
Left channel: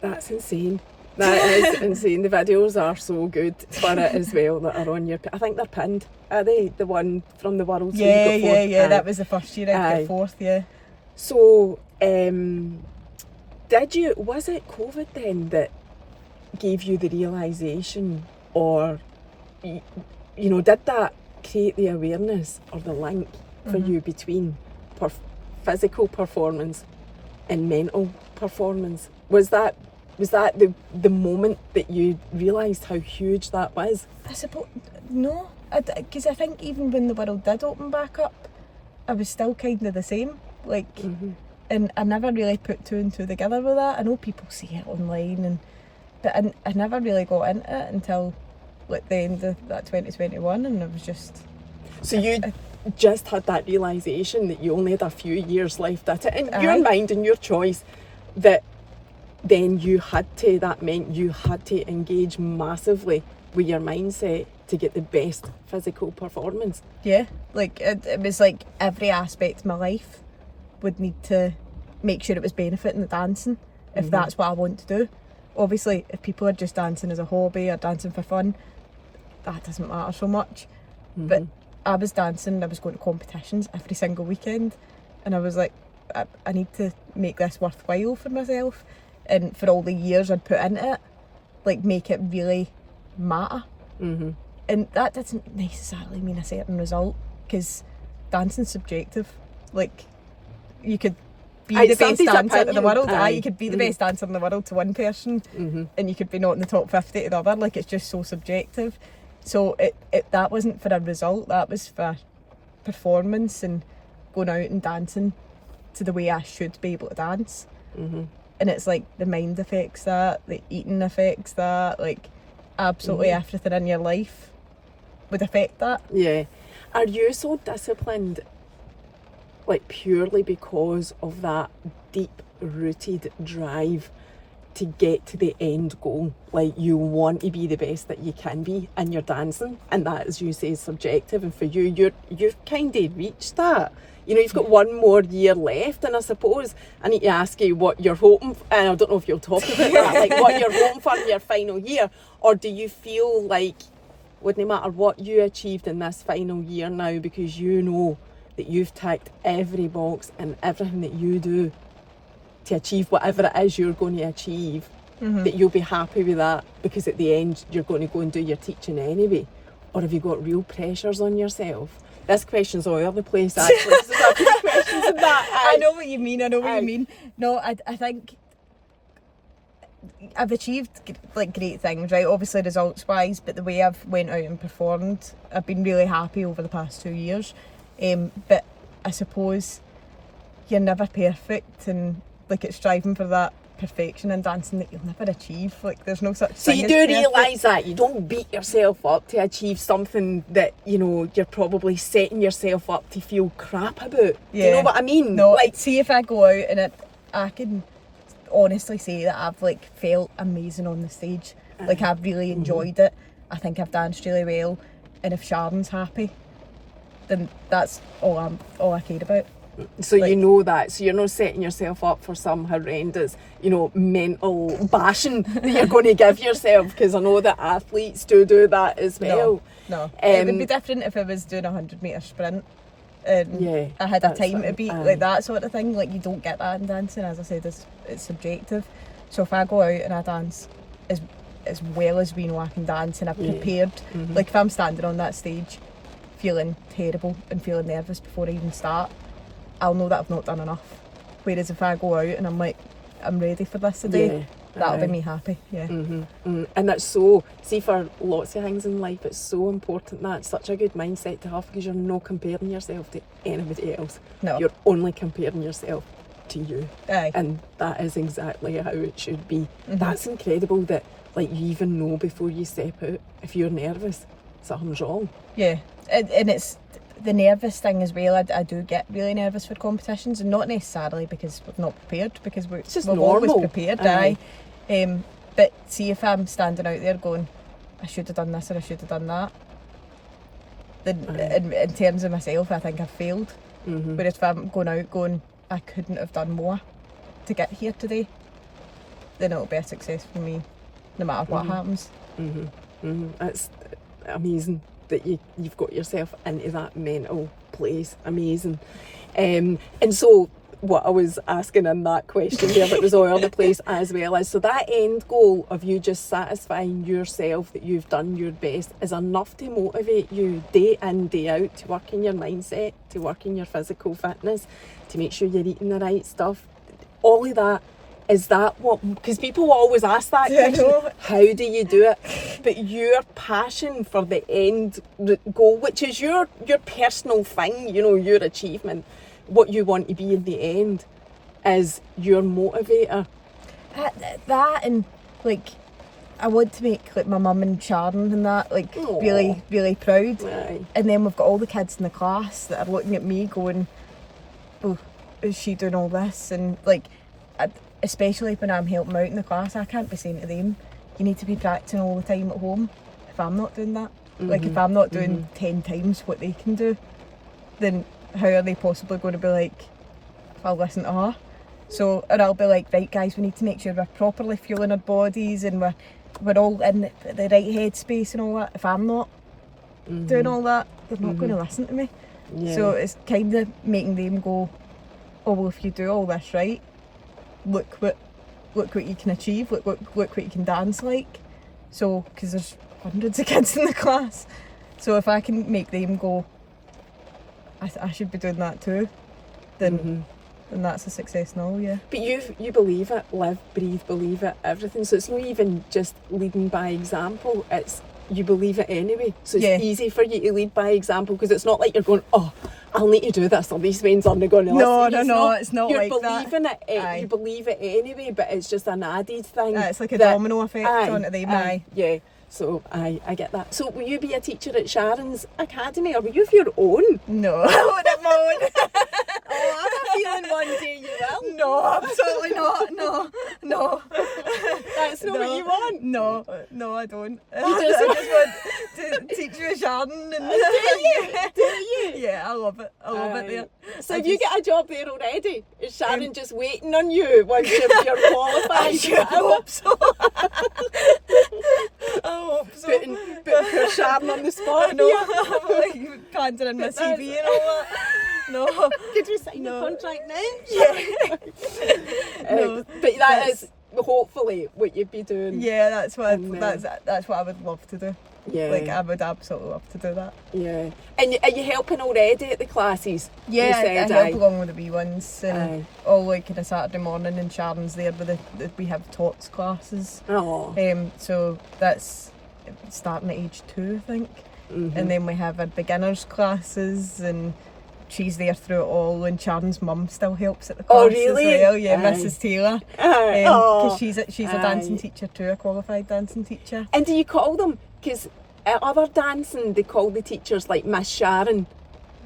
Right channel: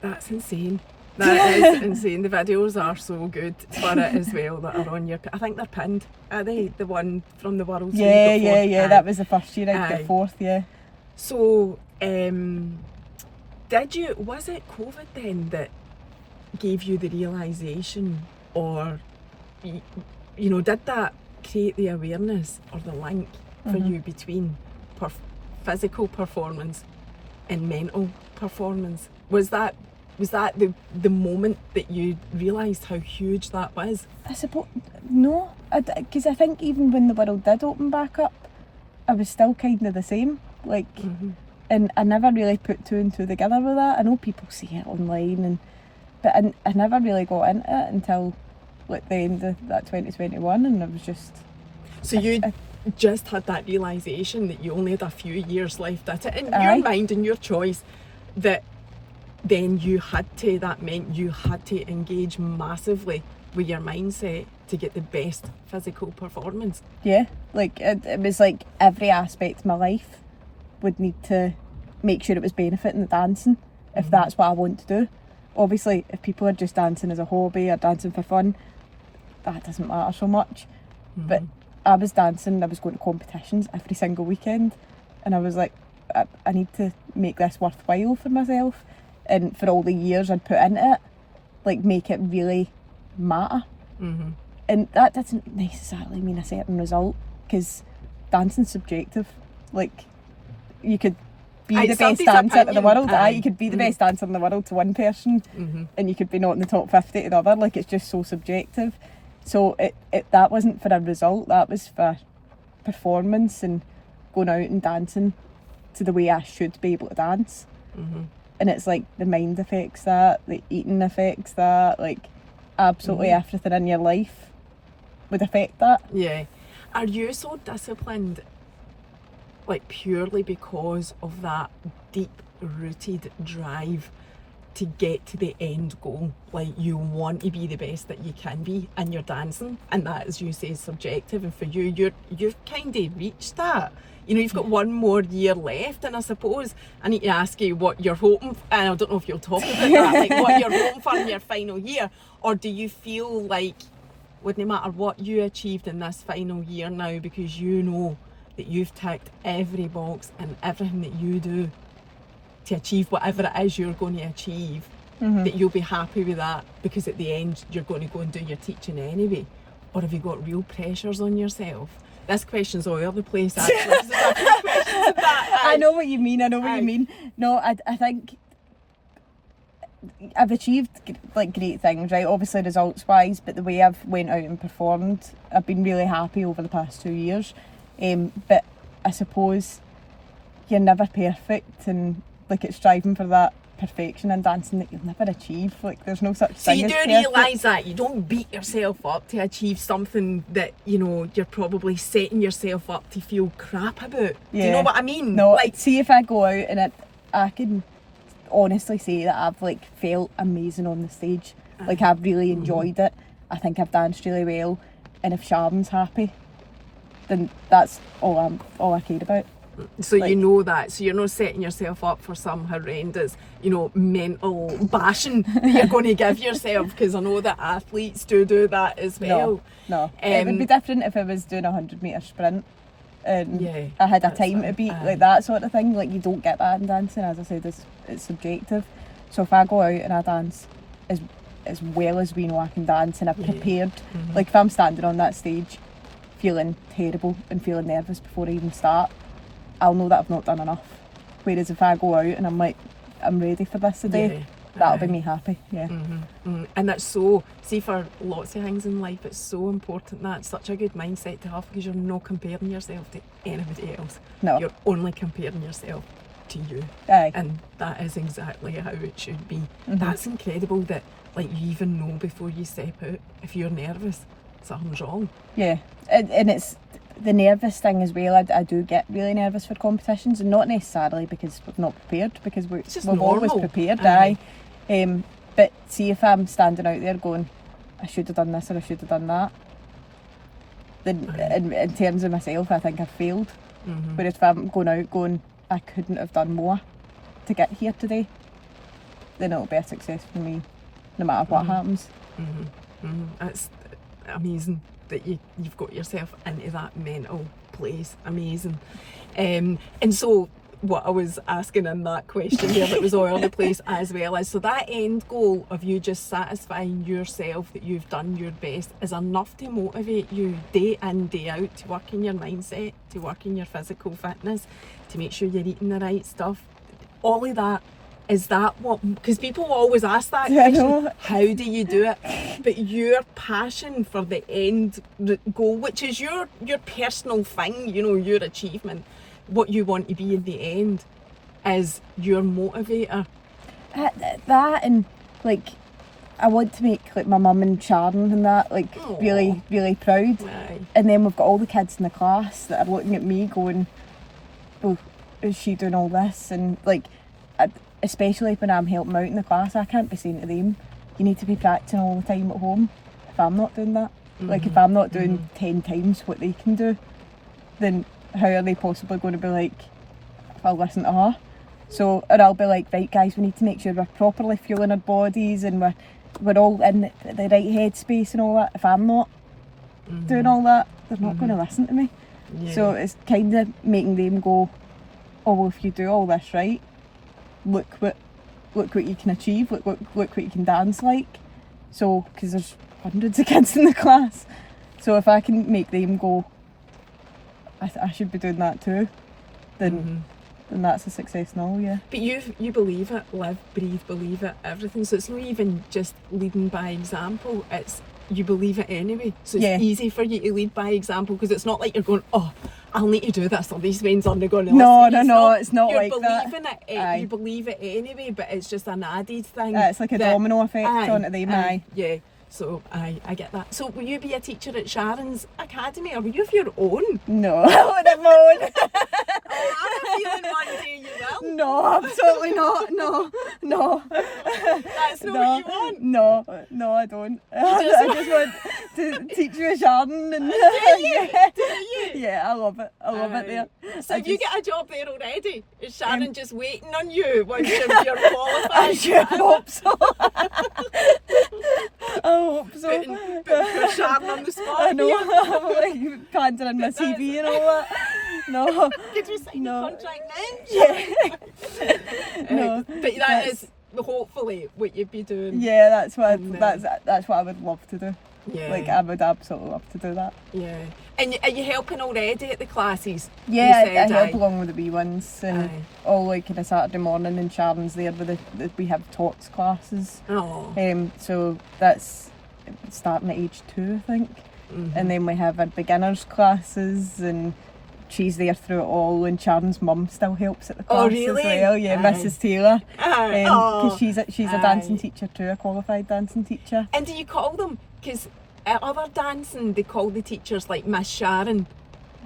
that's insane. That is insane. The videos are so good for it as well that are on your... I think they're pinned. Are they? The one from the Worlds? Yeah, that was the first year I got 4th, yeah. So, was it COVID then that gave you the realisation, or, did that create the awareness or the link for you between physical performance and mental performance? Was that the moment that you realised how huge that was? I suppose no, because I think even when the world did open back up, I was still kind of the same. And I never really put two and two together with that. I know people see it online, but I never really got into it until like the end of that 2021, and I was just... So you just had that realisation that you only had a few years left at it, in your mind and your choice, that then that meant you had to engage massively with your mindset to get the best physical performance. Yeah, like it was like every aspect of my life would need to make sure it was benefiting the dancing, if that's what I want to do. Obviously, if people are just dancing as a hobby or dancing for fun, that doesn't matter so much. But I was dancing, I was going to competitions every single weekend, and I was like, I need to make this worthwhile for myself, and for all the years I'd put into it, like make it really matter. And that doesn't necessarily mean a certain result, because dancing's subjective. Like, you could be the best dancer in the world. You could be the best dancer in the world to one person, and you could be not in the top 50 to the other. Like, it's just so subjective. So that wasn't for a result, that was for performance and going out and dancing to the way I should be able to dance. And it's like the mind affects that, the eating affects that, like absolutely everything in your life would affect that. Yeah. Are you so disciplined, like purely because of that deep-rooted drive to get to the end goal? Like, you want to be the best that you can be in your dancing, and that, as you say, is subjective, and for you, you've kind of reached that. You've got one more year left, and I suppose I need to ask you what you're hoping for, and I don't know if you'll talk about that, like what you're hoping for in your final year, or do you feel like wouldn't matter what you achieved in this final year now, because you know that you've ticked every box and everything that you do to achieve whatever it is you're going to achieve, that you'll be happy with that, because at the end you're going to go and do your teaching anyway? Or have you got real pressures on yourself? This question's all over the place, actually. There's a few questions in that. I know what you mean. No, I think I've achieved like great things, right? Obviously results wise, but the way I've went out and performed, I've been really happy over the past 2 years. But I suppose you're never perfect, and like it's striving for that perfection in dancing that you'll never achieve. Like, there's no such thing as perfect. So you do realise that you don't beat yourself up to achieve something that you're probably setting yourself up to feel crap about. Yeah. Do you know what I mean? No, like, see, if I go out and I can honestly say that I've like felt amazing on the stage. Like, I've really enjoyed it. I think I've danced really well, and if Sharon's happy, then that's all I care about. So like, you know that, so you're not setting yourself up for some horrendous, mental bashing that you're going to give yourself, because I know that athletes do that as well. No. It would be different if I was doing a 100-metre sprint and I had a time to beat, like that sort of thing. Like, you don't get that in dancing. As I said, it's subjective. So if I go out and I dance as well as we know I can dance, and I've prepared, like if I'm standing on that stage feeling terrible and feeling nervous before I even start, I'll know that I've not done enough. Whereas if I go out and I'm like, I'm ready for this today, that'll be me happy. Yeah. And that's so, see, for lots of things in life, it's so important. That's such a good mindset to have, because you're not comparing yourself to anybody else. No. You're only comparing yourself to you. Aye. And that is exactly how it should be. That's incredible that, like, you even know before you step out if you're nervous something's wrong. Yeah, and it's the nervous thing as well. I do get really nervous for competitions, and not necessarily because we're not prepared, because we're always prepared. Aye. But see, if I'm standing out there going, I should have done this or I should have done that, then in terms of myself, I think I've failed. Whereas if I'm going out going, I couldn't have done more to get here today, then it'll be a success for me no matter what happens. It's amazing that you've got yourself into that mental place. Amazing. And so what I was asking in that question there, that was all over the place as well, is so that end goal of you just satisfying yourself that you've done your best is enough to motivate you day in, day out, to work in your mindset, to work in your physical fitness, to make sure you're eating the right stuff. All of that. Is that what, because people always ask that question, how do you do it? But your passion for the end goal, which is your personal thing, you know, your achievement, what you want to be in the end, is your motivator. That, and like, I want to make like my mum and Sharon and that like really, really proud. Aye. And then we've got all the kids in the class that are looking at me going, oh, is she doing all this? And like, especially when I'm helping out in the class, I can't be saying to them, you need to be practicing all the time at home, if I'm not doing that. Like, if I'm not doing 10 times what they can do, then how are they possibly going to be like, if I'll listen to her? So, or I'll be like, right guys, we need to make sure we're properly fueling our bodies and we're all in the right headspace and all that. If I'm not doing all that, they're not going to listen to me. Yeah. So it's kind of making them go, oh well, if you do all this right, look what you can achieve, look what you can dance like. So, because there's hundreds of kids in the class, so if I can make them go, I should be doing that too, then that's a success now. Yeah. But you believe it, live, breathe, believe it, everything. So it's not even just leading by example, it's you believe it anyway. So it's easy for you to lead by example, because it's not like you're going, oh, I'll need to do this, or these friends aren't going to listen. No, it's not like that. You're believing it, you believe it anyway, but it's just an added thing. It's like a domino effect onto them. Yeah, so I get that. So will you be a teacher at Sharon's Academy, or will you have your own? No, I wouldn't have my own. Oh, I have a feeling one day you will. No, absolutely not. No. That's not what you want. No, I don't. I just want to teach you a Sharon. And do you? Yeah, I love it. I love it there. So if you get a job there already, is Sharon just waiting on you once you're qualified? I hope so. I hope so. Put Sharon on the spot. I know. I'm like pandering my CV and all that. No. Did you sign the contract now? Yeah. No. But that is hopefully what you'd be doing. Yeah, that's what I would love to do. Yeah. Like, I would absolutely love to do that. Yeah. And are you helping already at the classes? Yeah, I help along with the wee ones, and all like on a Saturday morning, and Sharon's there with we have tots classes. Oh. So that's starting at age 2, I think. And then we have our beginners classes, and she's there through it all, and Sharon's mum still helps at the class as well. Yeah, Mrs. Taylor. Because she's a dancing teacher too, a qualified dancing teacher. And do you call them, because at other dancing they call the teachers like Miss Sharon?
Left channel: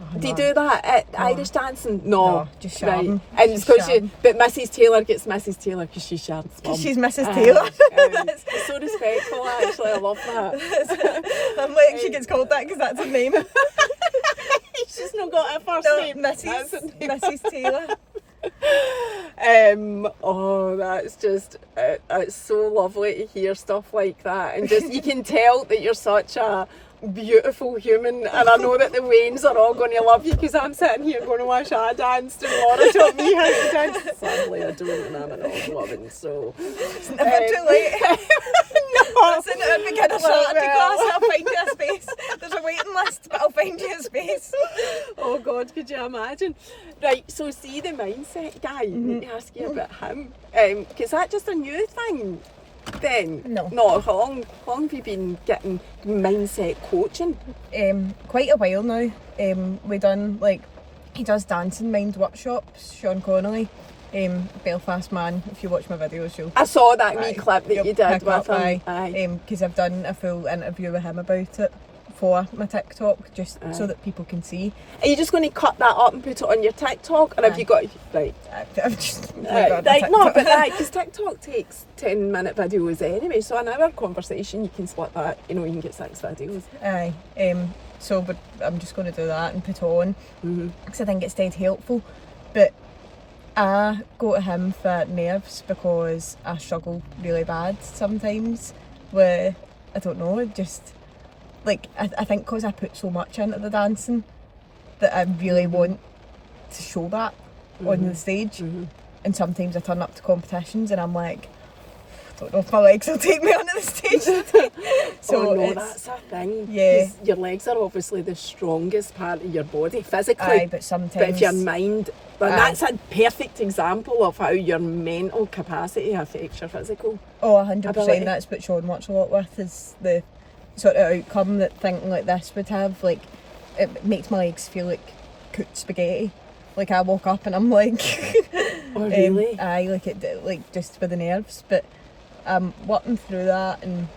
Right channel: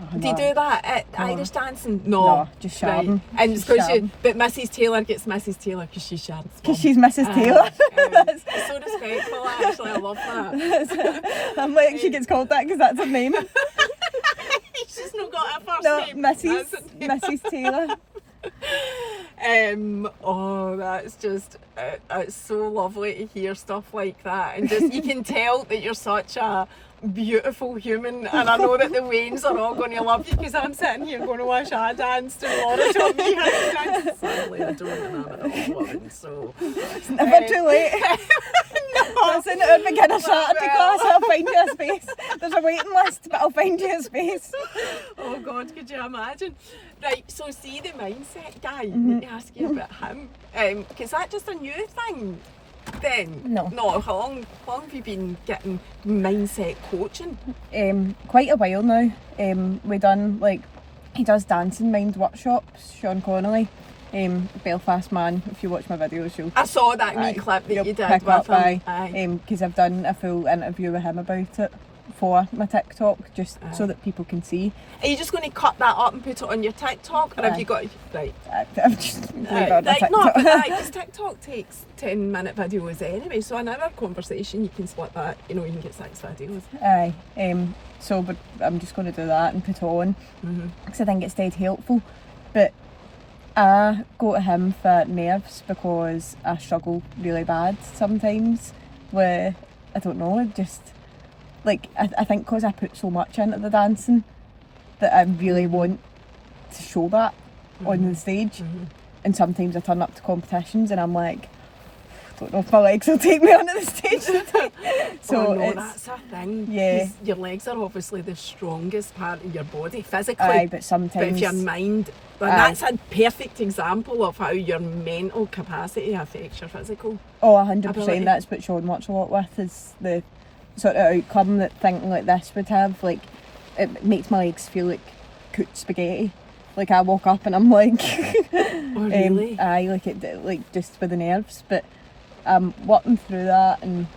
Oh, do you do that at Irish dancing? No, just Sharon. Right. And but Mrs. Taylor gets Mrs. Taylor because she's Sharon's mum. Because she's Mrs. Taylor. It's so respectful, actually. I love that. I'm like, she gets called that because that's her name. She's not got a first name. Mrs. Taylor. That's just it's so lovely to hear stuff like that, and just you can tell that you're such a beautiful human, and I know that the Waynes are all going to love you, because I'm sitting here going to watch a dance to Laura taught me how to dance. Sadly I don't, and I'm an old woman, so it's never too late. No, that's in our beginner Saturday class. I'll find you a space. There's a waiting list, but I'll find you a space. Oh God, could you imagine? Right, so see the mindset guy, I need to ask you about him. Is that just a new thing then? No. No, how long have you been getting mindset coaching? Quite a while now. We done, like, he does dancing mind workshops, Sean Connolly. Belfast man, if you watch my videos, you'll... I saw that wee clip that you did pick with up, him. Because I've done a full interview with him about it for my TikTok, just so that people can see. Are you just going to cut that up and put it on your TikTok? Or have you got... Right. I've just leave it on Right, my TikTok. no, but because TikTok takes 10-minute videos anyway, so an hour conversation, you can split that, you know, you can get 6 videos. But I'm just going to do that and put it on, because I think it's dead helpful. But I go to him for nerves because I struggle really bad sometimes with, I don't know, just, like, I think because I put so much into the dancing that I really want to show that on the stage. And sometimes I turn up to competitions and I'm like, I don't know if my legs will take me onto the stage today. So oh no, that's a thing. Yeah. Your legs are obviously the strongest part of your body physically. Aye, but sometimes... But if your mind... But that's a perfect example of how your mental capacity affects your physical. Oh, 100%. ability. That's what Sean works a lot with, is the sort of outcome that thinking like this would have. Like, it makes my legs feel like cooked spaghetti. Like, I woke up and I'm like... Oh, really? Aye, like just for the nerves. But I'm working through that and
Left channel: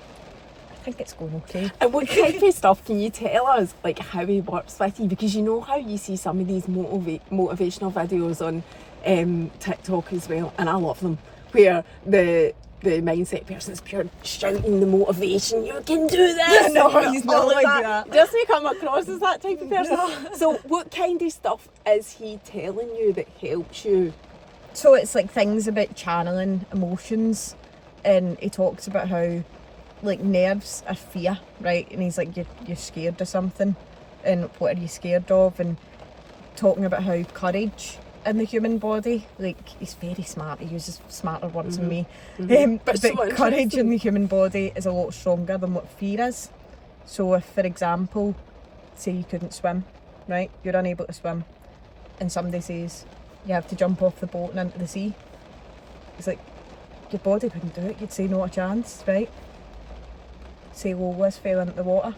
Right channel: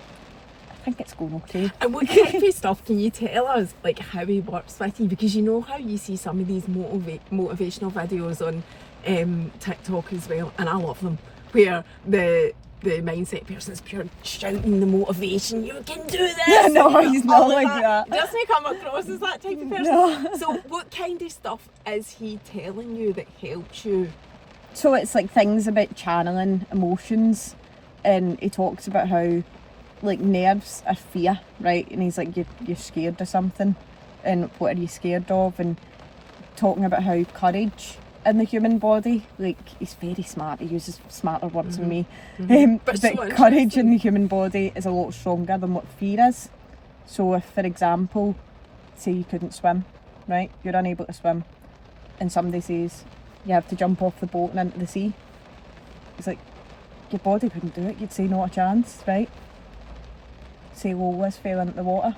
I think it's going okay. And what kind of stuff can you tell us, like how he works with you? Because you know how you see some of these motivational videos on TikTok as well, and I love them, where the mindset person is pure shouting the motivation, you can do this! No, he's not like that. Does he come across as that type of person? No. So what kind of stuff is he telling you that helps you? So it's like things about channeling emotions, and he talks about how, like, nerves are fear, right? And he's like, you're scared of something, and what are you scared of? And talking about how courage in the human body, like, he's very smart, he uses smarter words than me, but so courage in the human body is a lot stronger than what fear is. So if, for example, say you couldn't swim, right, you're unable to swim, and somebody says you have to jump off the boat and into the sea, it's like, your body wouldn't do it, you'd say not a chance, right? Say Lois fell into the water,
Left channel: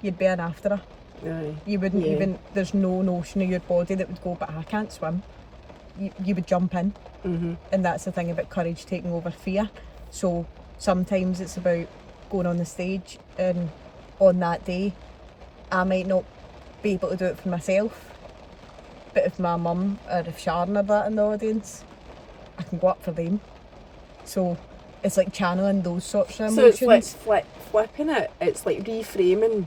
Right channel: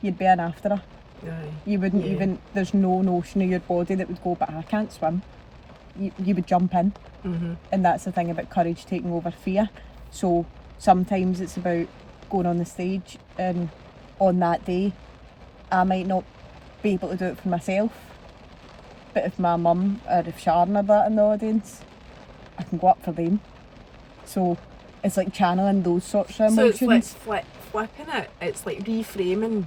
you'd be in after her. Aye. You wouldn't even, there's no notion of your body that would go, but I can't swim. You would jump in. And that's the thing about courage taking over fear. So sometimes it's about going on the stage, and on that day I might not be able to do it for myself, but if my mum or if Sharon are that in the audience, I can go up for them. So it's like channeling those sorts of emotions. So it's like flipping it, it's like reframing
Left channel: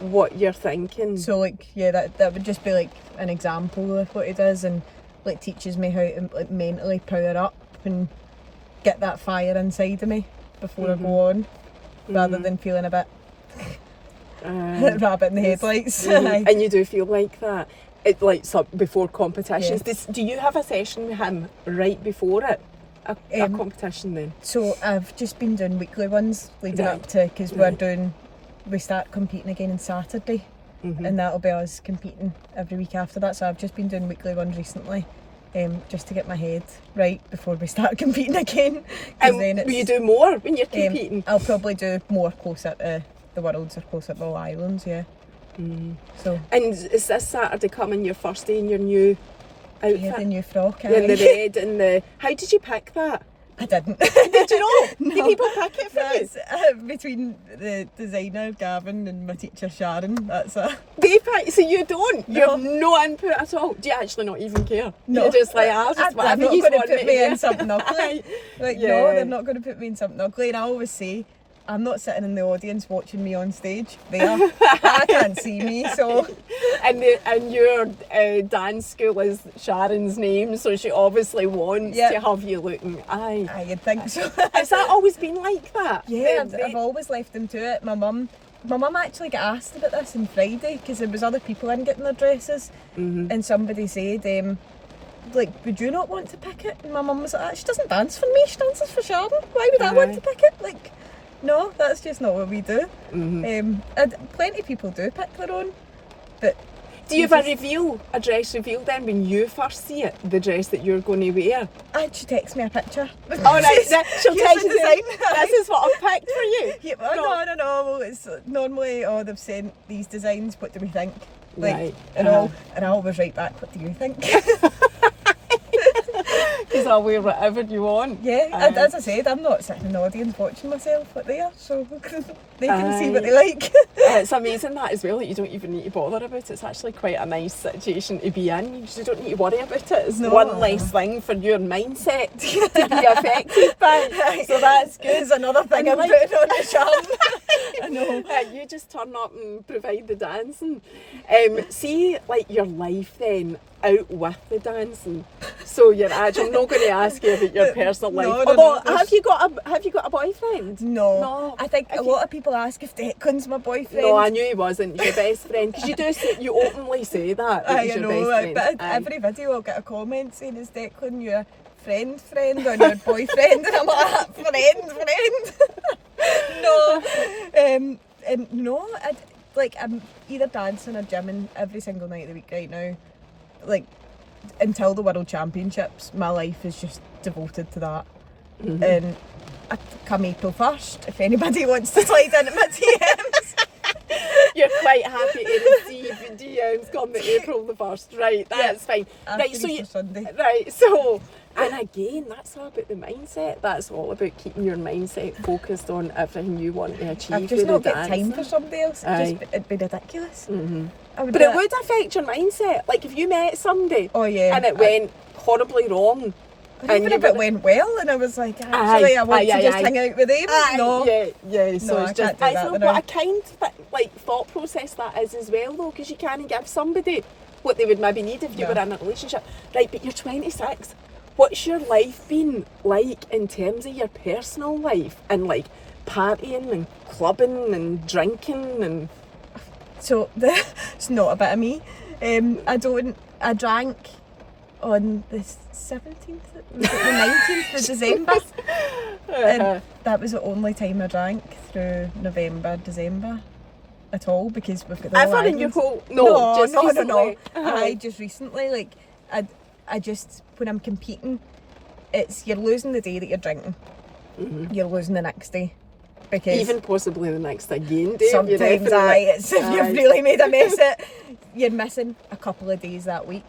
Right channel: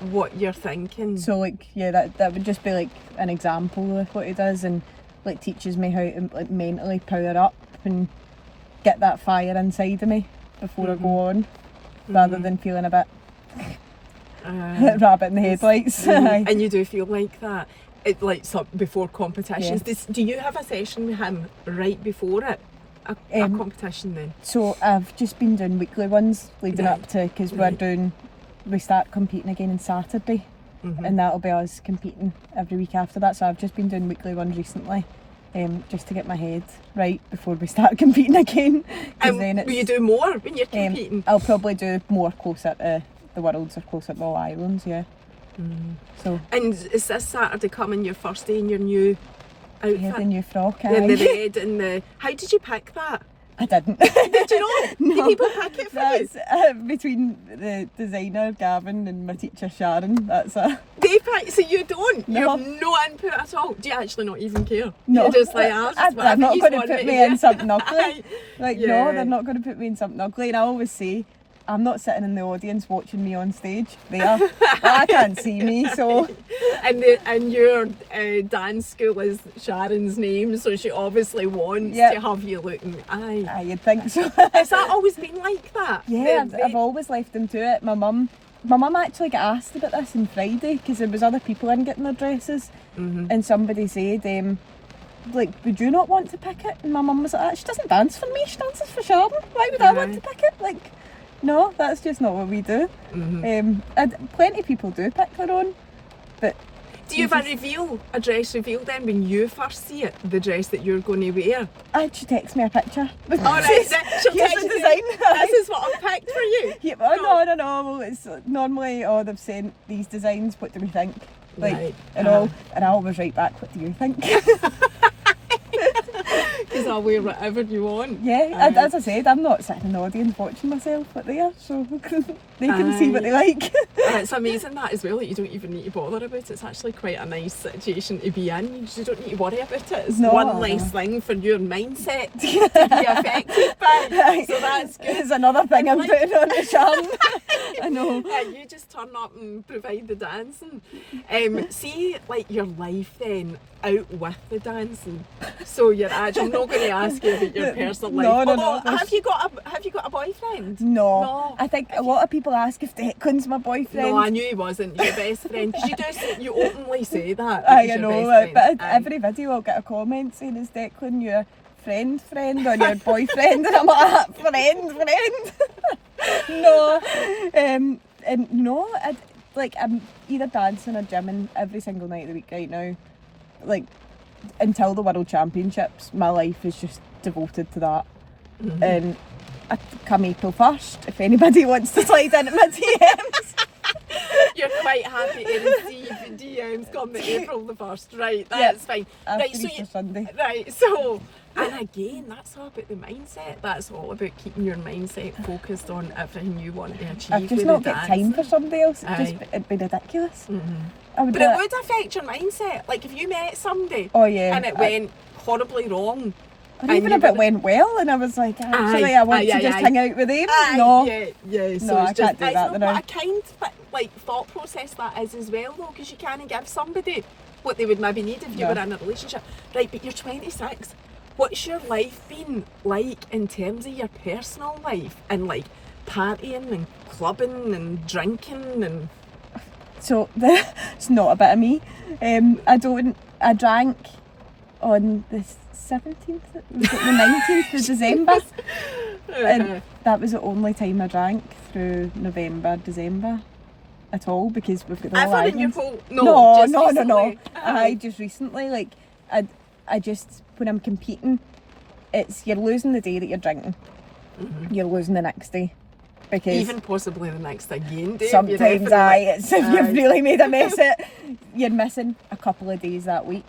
what you're thinking. So like, that would just be like an example of what he does, and like teaches me how to like mentally power up and get that fire inside of me before I go on, rather than feeling a bit rabbit in the headlights. And you do feel like that. It, like, so before competitions, do you have a session with him right before it? A competition then? So I've just been doing weekly ones leading up to, because we start competing again on Saturday, and that'll be us competing every week after that. So I've just been doing weekly ones recently, just to get my head right before we start competing again. Then will you do more when you're competing? I'll probably do more closer to the Worlds or closer to the Islands, So. And is this Saturday coming your first day in your new outfit? Yeah, the new frock, and the red and the... How did you pick that? I didn't. Did you not? No. Did people pick it for That's you? Between the designer Gavin and my teacher Sharon. That's a... They pick, so you don't? No. You have no input at all? Do you actually not even care? No. You're just like, they're not going to put me in something ugly. Aye. Like, no, they're not going to put me in something ugly. And I always say, I'm not sitting in the audience watching me on stage. They are. I can't see me, so... And your dance school is Sharon's name, so she obviously wants to have you looking... Aye, you'd think so. Has that always been like that? Yeah, I've always left them to it. My mum actually got asked about this on Friday, because there was other people in getting their dresses, and somebody said, like, would you not want to pick it? And my mum was like, she doesn't dance for me, she dances for Sharon. Why would I want to pick it? Like... No, that's just not what we do. And plenty of people do pick their own, but do you ever reveal a dress reveal then when you first see it, the dress that you're going to wear? She texts me a picture. Oh, right, she'll text you, design. this is what I've picked for you. Yeah, no. Well, it's normally, they've sent these designs, what do we think? Like, right. and I always write back, what do you think? Because I'll wear whatever you want. Yeah, as I said, I'm not sitting in the audience watching myself up there, so they can see what they like. It's amazing that as well, that you don't even need to bother about it. It's actually quite a nice situation to be in. You just don't need to worry about it. It's one less thing for your mindset to be affected by. So that's good. It's another thing I'm putting on the charm. I know. You just turn up and provide the dancing. See, like your life then, out with the dancing. So you're actually, I'm not going to ask you about your personal life. No. Have you got a boyfriend? No. I think a lot of people ask if Declan's my boyfriend. No, I knew he wasn't your best friend. Because you openly say that. I know, but every video I'll get a comment saying, is Declan your friend or your boyfriend? And I'm like, friend. No. And no, I'm either dancing or gymming every single night of the week right now. Like, until the World Championships, my life is just devoted to that. And come April 1st, if anybody wants to slide into my DMs. You're quite happy to receive DMs come the April the 1st, right? That's fine. Right, so Sunday. Right, so, and again, that's all about the mindset. That's all about keeping your mindset focused on everything you want to achieve. I've just not got time for somebody else. It'd be ridiculous. But it would affect your mindset. Like if you met somebody and it went horribly wrong. And even if it went well and I was like, actually, I want to just hang out with him. No. Yeah, so no, I can't do that. What a kind thought process that is as well though, because you can't give somebody what they would maybe need if you were in a relationship. Right, but you're 26. What's your life been like in terms of your personal life and like partying and clubbing and drinking and... So it's not a bit of me. I drank on the 17th, was it the 19th of December? And that was the only time I drank through November, December at all, because we've got the whole island. No. I just recently, like, I just, when I'm competing, it's, you're losing the day that you're drinking. You're losing the next day. Because even possibly the next again day. Sometimes it's if you've really made a mess of it, you're missing a couple of days that week.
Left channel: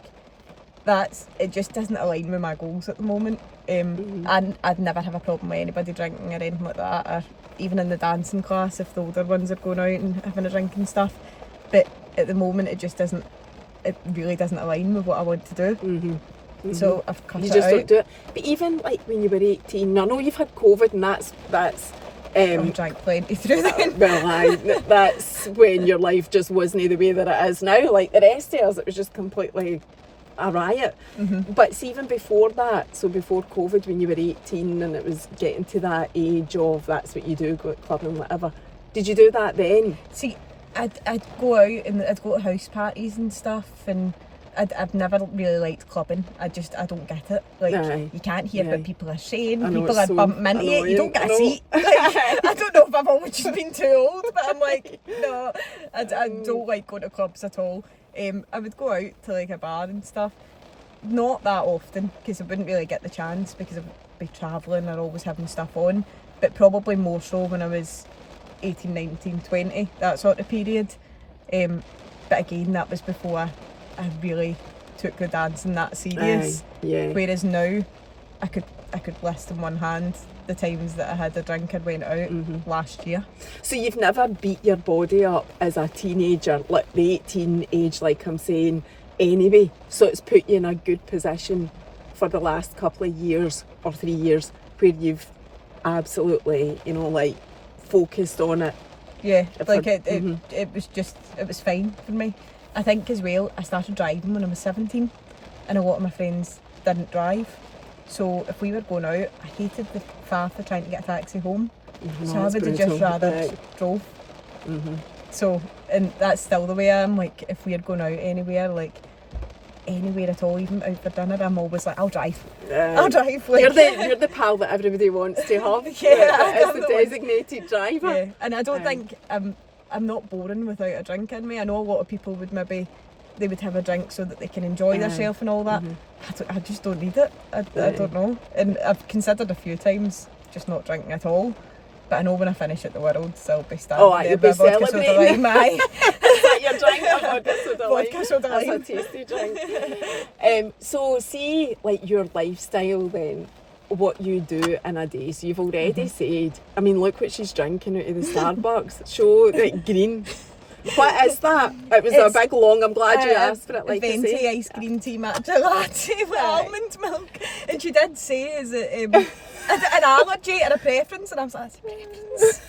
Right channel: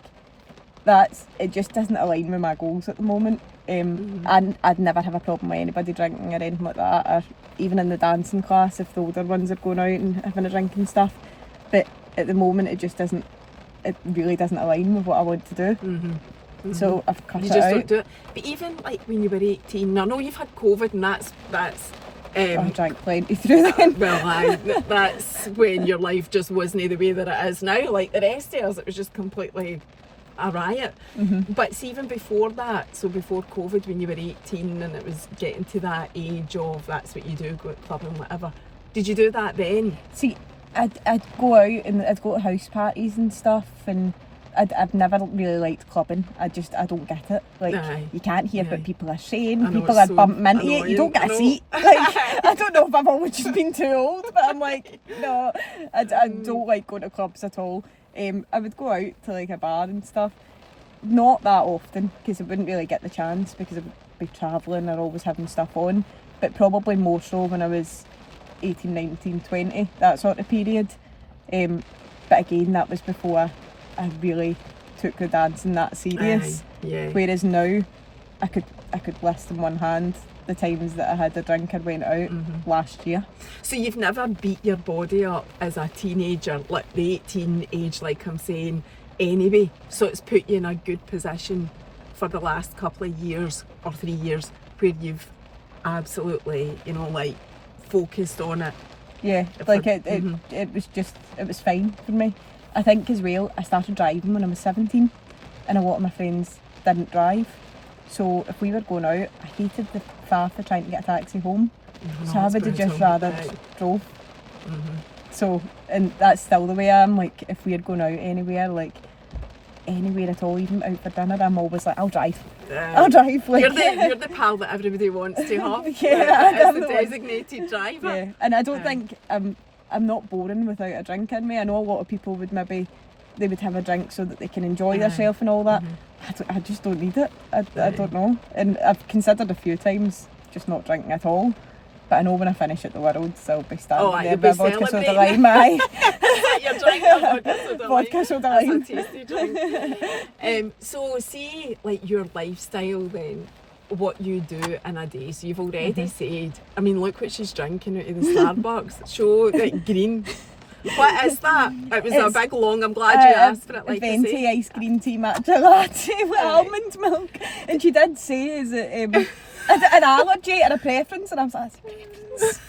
It just doesn't align with my goals at the moment. And I'd never have a problem with anybody drinking or anything like that, or even in the dancing class if the older ones are going out and having a drink and stuff. But at the moment it really doesn't align with what I want to do. So I've cut it out. Don't do it. But even like when you were 18, I know you've had COVID and that's I drank plenty through then. That's when your life just wasn't the way that it is now. Like the rest of us, it was just completely a riot. But see, even before that, so before COVID, when you were 18 and it was getting to that age of that's what you do, go to club and whatever, did you do that then? See, I'd go out and I'd go to house parties and stuff, and I've never really liked clubbing. I don't get it. Like, you can't hear what people are saying. People are bumping into you. You don't get a seat. Like, I don't know if I've always just been too old, but I'm like, no, I don't like going to clubs at all. I would go out to like a bar and stuff. Not that often, because I wouldn't really get the chance, because I would be travelling or always having stuff on. But probably more so when I was 18, 19, 20, that sort of period. But again, that was before I really took the dancing that serious. Whereas now, I could list in one hand the times that I had a drink or went out last year. So you've never beat your body up as a teenager, like the 18 age, like I'm saying, anyway. So it's put you in a good position for the last couple of years or 3 years where you've absolutely, like focused on it. Yeah, like it was fine for me. I think as well, I started driving when I was 17 and a lot of my friends didn't drive. So if we were going out, I hated the faff of trying to get a taxi home. So I would have just rather drove. So, and that's still the way I am. Like, if we're going out anywhere, like anywhere at all, even out for dinner, I'm always like, I'll drive. Yeah. I'll drive. Like, You're the pal that everybody wants to have. Yeah, It's the designated driver. Yeah, and I don't think I'm not boring without a drink in me. I know a lot of people would maybe, they would have a drink so that they can enjoy themselves and all that. I just don't need it. I don't know. And I've considered a few times just not drinking at all. But I know when I finish at the Worlds, I'll be standing there with a vodka soda lime. You're drinking vodka soda lime. That's a tasty drink. So see, like your lifestyle then, what you do in a day. So you've already said, I mean, look what she's drinking out of the Starbucks. Show like green. What is that? It was a big long, I'm glad you asked for it. Like venti ice cream tea matcha latte with almond milk. And she did say, is it an allergy or a preference? And I was like, preference.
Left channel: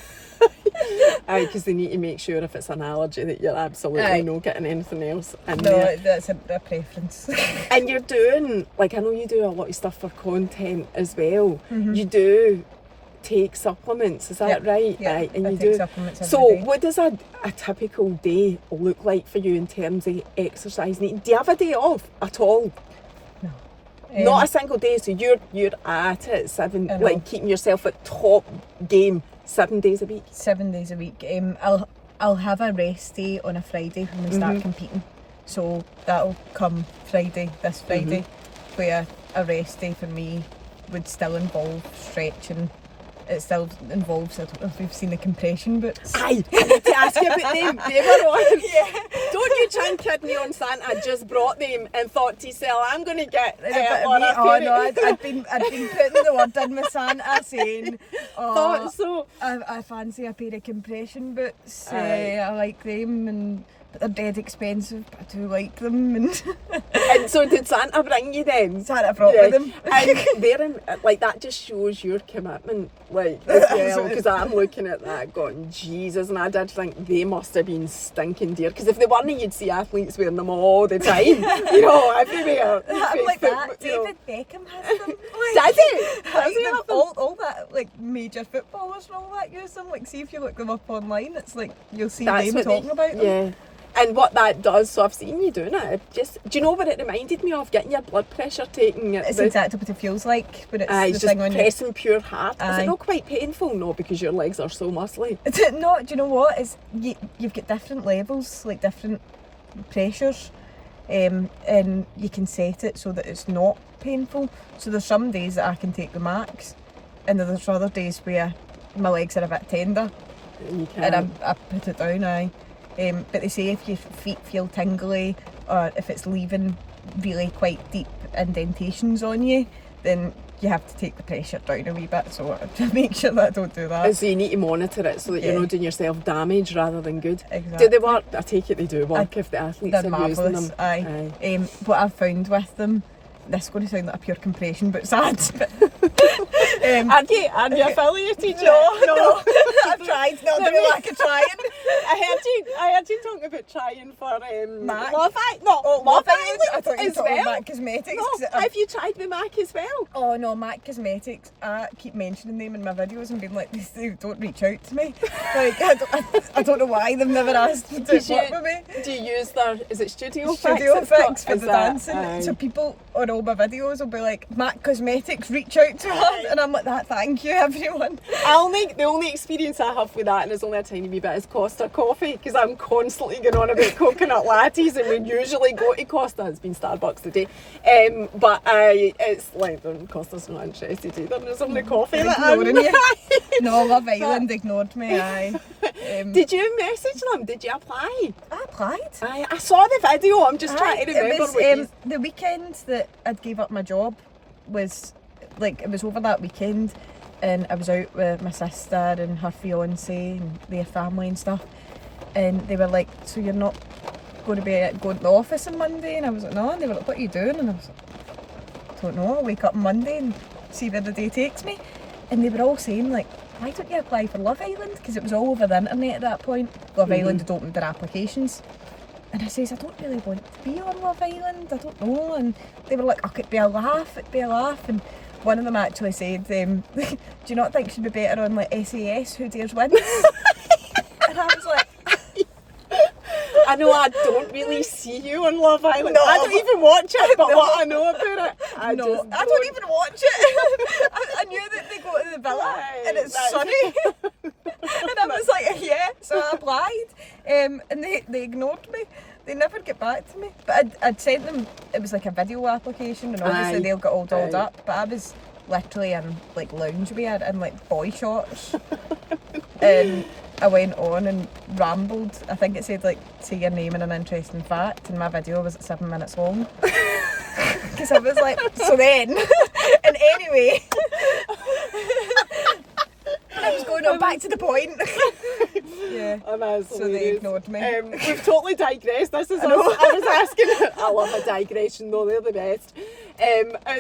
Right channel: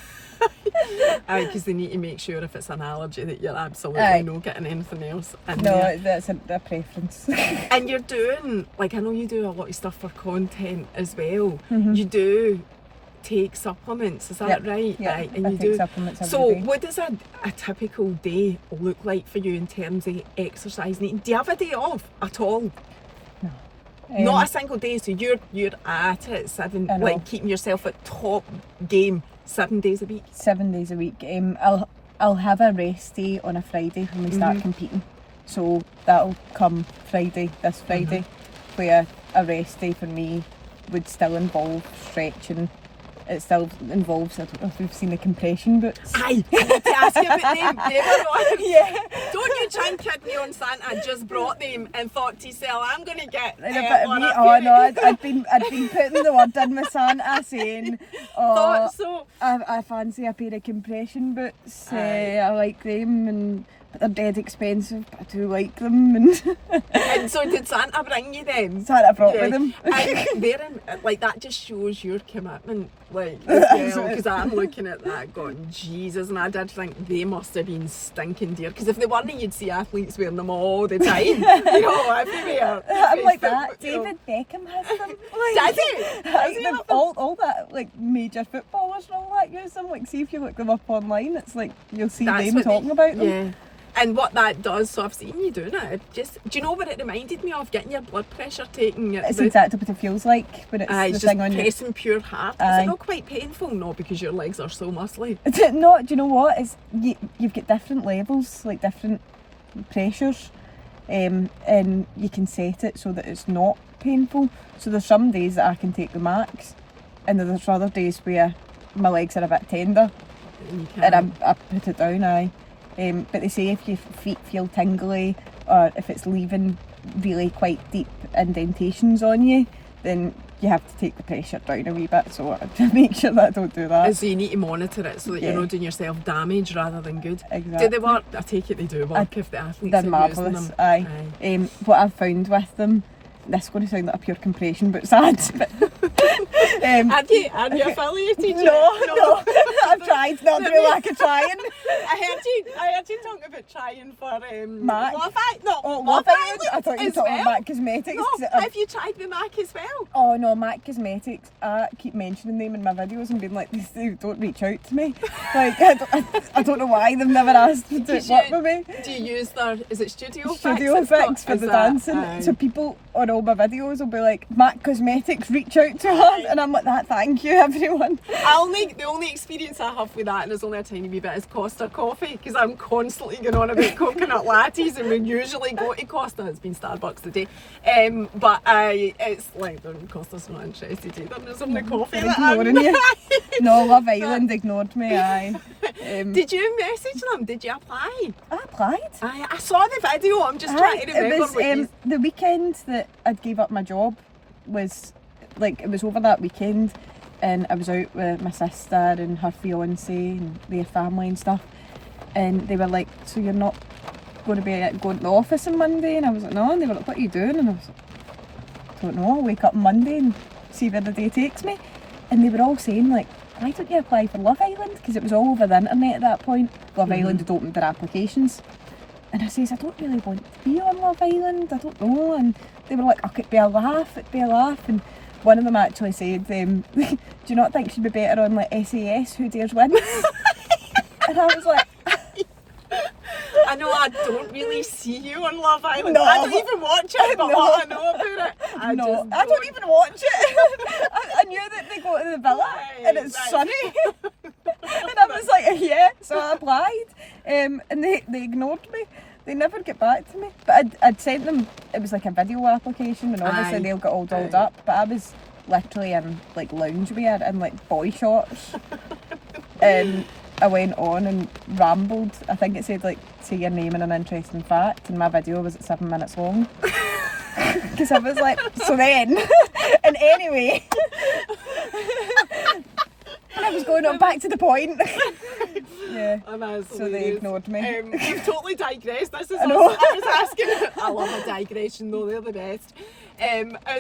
Because they need to make sure if it's an allergy that you're absolutely not getting anything else in there. That's a preference. And you're doing, like I know you do a lot of stuff for content as well. You do take supplements, is that right? Yeah, right. And I you take do. supplements every day. What does a typical day look like for you in terms of exercise? Do you have a day off at all? No. Not a single day. So you're at it like keeping yourself at top game 7 days a week. 7 days a week. I'll have a rest day on a Friday when we start competing. So that'll come this Friday, where a rest day for me would still involve stretching. It still involves, I don't know if you've seen the compression boots. Aye, I had to ask you about them. They were on. Yeah. Don't you try and kid me on Santa. I just brought them and thought to yourself, I'm going to get a bit of meat. Oh no, I'd been putting the word in with Santa saying, thought so. I fancy a pair of compression boots. I like them, but they're dead expensive, but I do like them. And so did Santa bring you them? Santa brought me them. And that just shows your commitment, like, as well, because I'm looking at that going, Jesus, and I did think they must have been stinking dear, because if they weren't, you'd see athletes wearing them all the time, everywhere. I'm like that. David Beckham has them. Does he? All that, like, major footballers and all that use them. Like, see if you look them up online, it's like, you'll see them talking about them. Yeah. And what that does, so I've seen you doing it. Do you know what it reminded me of? Getting your blood pressure taken. It's exactly what it feels like, but it's the thing on your... pressing pure heart. Is it not quite painful? No, because your legs are so muscly. No, do you know what? You've got different levels, like different pressures, and you can set it so that it's not painful. So there's some days that I can take the max, and there's other days where my legs are a bit tender, and I put it down. But they say if your feet feel tingly or if it's leaving really quite deep indentations on you, then you have to take the pressure down a wee bit, so to make sure that I don't do that. And so you need to monitor it so that you're not doing yourself damage rather than good. Exactly. Do they work? I take it they do work if the athletes are marvellous. Using them. Aye. What I've found with them, this is going to sound like a pure compression but sad, but are you affiliated? No. I've tried, not doing like a trying. I heard you talking about trying for MAC. Love Island. Love Island. I thought you were talking about MAC Cosmetics. No, have you tried the MAC as well? Oh no, MAC Cosmetics. I keep mentioning them in my videos and being like, they don't reach out to me. Like I don't know why they've never asked to work with me. Do you use their? Is it Studio Fix for the dancing? So people on all my videos will be like, MAC Cosmetics, reach out to her, and I'm like, that. Thank you, everyone. The only experience I have with that, and it's only a tiny wee bit, is Costa Coffee, because I'm constantly going on about coconut lattes, and we usually go to Costa. It's been Starbucks today, but it's like Costa's not interested either. There's only coffee that ignoring you. No, Love Island ignored me. Did you message them? Did you apply? I applied. I saw the video. I'm just trying to remember. It was the weekend that I'd gave up my job. It was over that weekend, and I was out with my sister and her fiance and their family and stuff, and they were like, so you're not going to be going to the office on Monday? And I was like, no. And they were like, what are you doing? And I was like, I don't know, I'll wake up on Monday and see where the day takes me. And they were all saying like, why don't you apply for Love Island? Because it was all over the internet at that point. Love Island had opened their applications. And I says, I don't really want to be on Love Island, I don't know. And they were like, oh, it'd be a laugh. And one of them actually said, do you not think she'd be better on like SAS, Who Dares Wins? And I was like... I know I don't really see you on Love Island. No, I don't even watch it, but no. what I know about it, I don't even watch it. I knew that they go to the villa Right, and it's right. sunny. And I was like, yeah, so I applied. And they ignored me. They never get back to me. But I'd sent them, it was like a video application, and obviously Aye. they'll get all dolled Aye. up. But I was literally in like loungewear and like boy shorts. And I went on and rambled. I think it said like, say your name and an interesting fact, and my video was at 7 minutes long. Because I was like, so then, and anyway. And I was going on back to the point. Yeah. And that's So they hilarious. ignored me. We've totally digressed. This is I know. I was asking. I love a digression though, they're the best.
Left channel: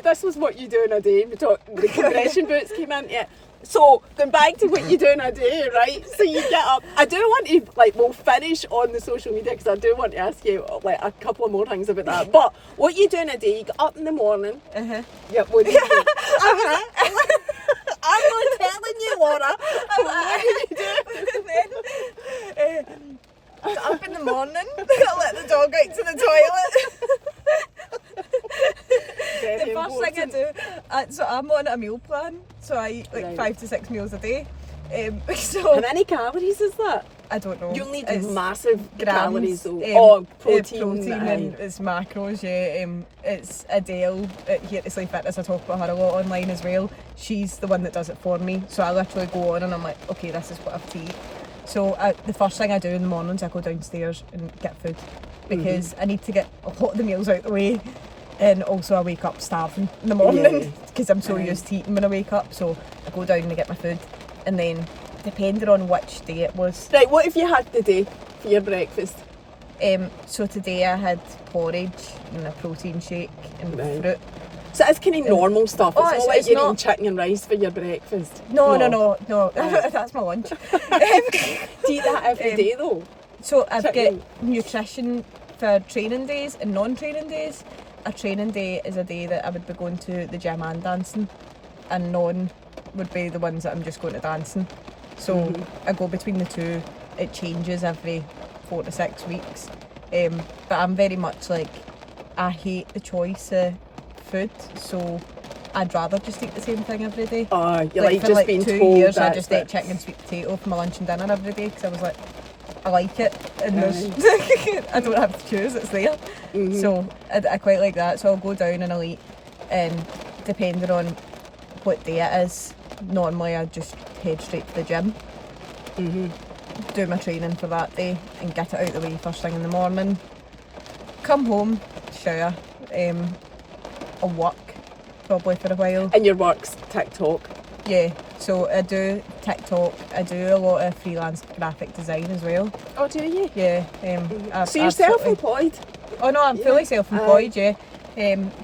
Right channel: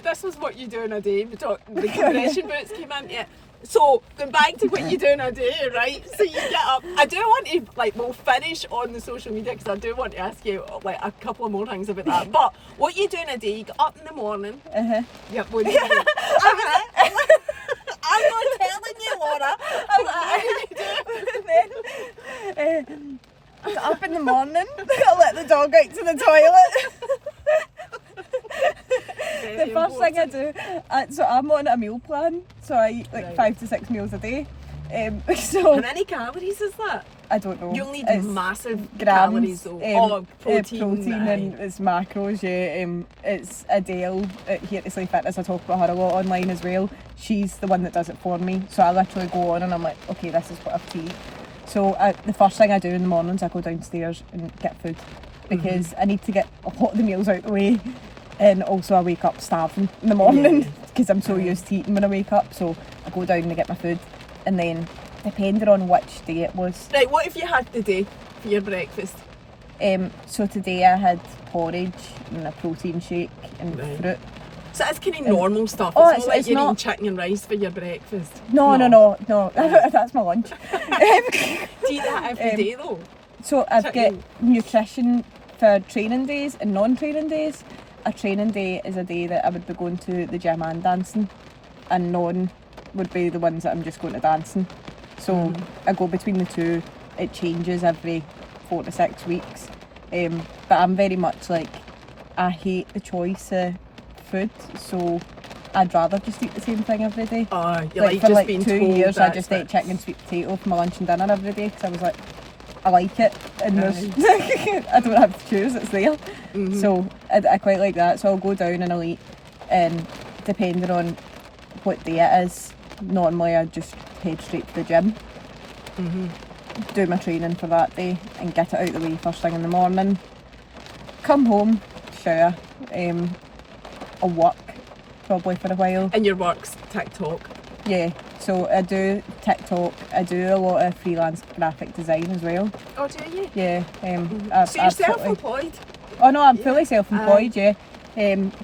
This was what you do in a day. The compression boots came into it. So going back to what you do in a day, right? So you get up. I do want to we'll finish on the social media because I do want to ask you like a couple of more things about that. But what you do in a day? You get up in the morning. Yep. What do you do? I'm not telling you, Laura. What do you do? I got up in the morning, I let the dog out to the toilet. The first thing I do, so I'm on a meal plan, so I eat like 5 to 6 meals a day. So How many calories is that? I don't know. You'll need It's massive grams, calories though. protein aye. and it's macros. Yeah, it's Adele here to Slay Fitness. I talk about her a lot online as well. She's the one that does it for me. So I literally go on and I'm like, okay, this is what I have to eat. So the first thing I do in the mornings, I go downstairs and get food because I need to get a lot of the meals out the way. And also I wake up starving in the morning because I'm so used to eating when I wake up. So I go down and get my food, and then depending on which day it was. Right, what have you had today for your breakfast? So today I had porridge and a protein shake and fruit. So it's kind of normal stuff. Oh, It's not like it's you're not- eating chicken and rice for your breakfast. No. That's my lunch. Do you eat that every day though? So I've got Chicken. nutrition for training days and non-training days. A training day is a day that I would be going to the gym and dancing, and non would be the ones that I'm just going to dancing. So I go between the two. It changes every 4 to 6 weeks. But I'm very much like, I hate the choice of food, so I'd rather just eat the same thing every day. You're like for just like being 2 told years I that's just it. ate chicken and sweet potato for my lunch and dinner every day because I was like, I like it and there's I don't have to choose, it's there. So I quite like that, so I'll go down and I'll eat, and depending on what day it is, normally I just head straight to the gym, do my training for that day and get it out of the way first thing in the morning, come home, shower, I'll work probably for a while. And your work's TikTok. Yeah, so I do TikTok, I do a lot of freelance graphic design as well. Oh, do you? Yeah. So you're self-employed? Oh no, I'm fully self-employed, yeah.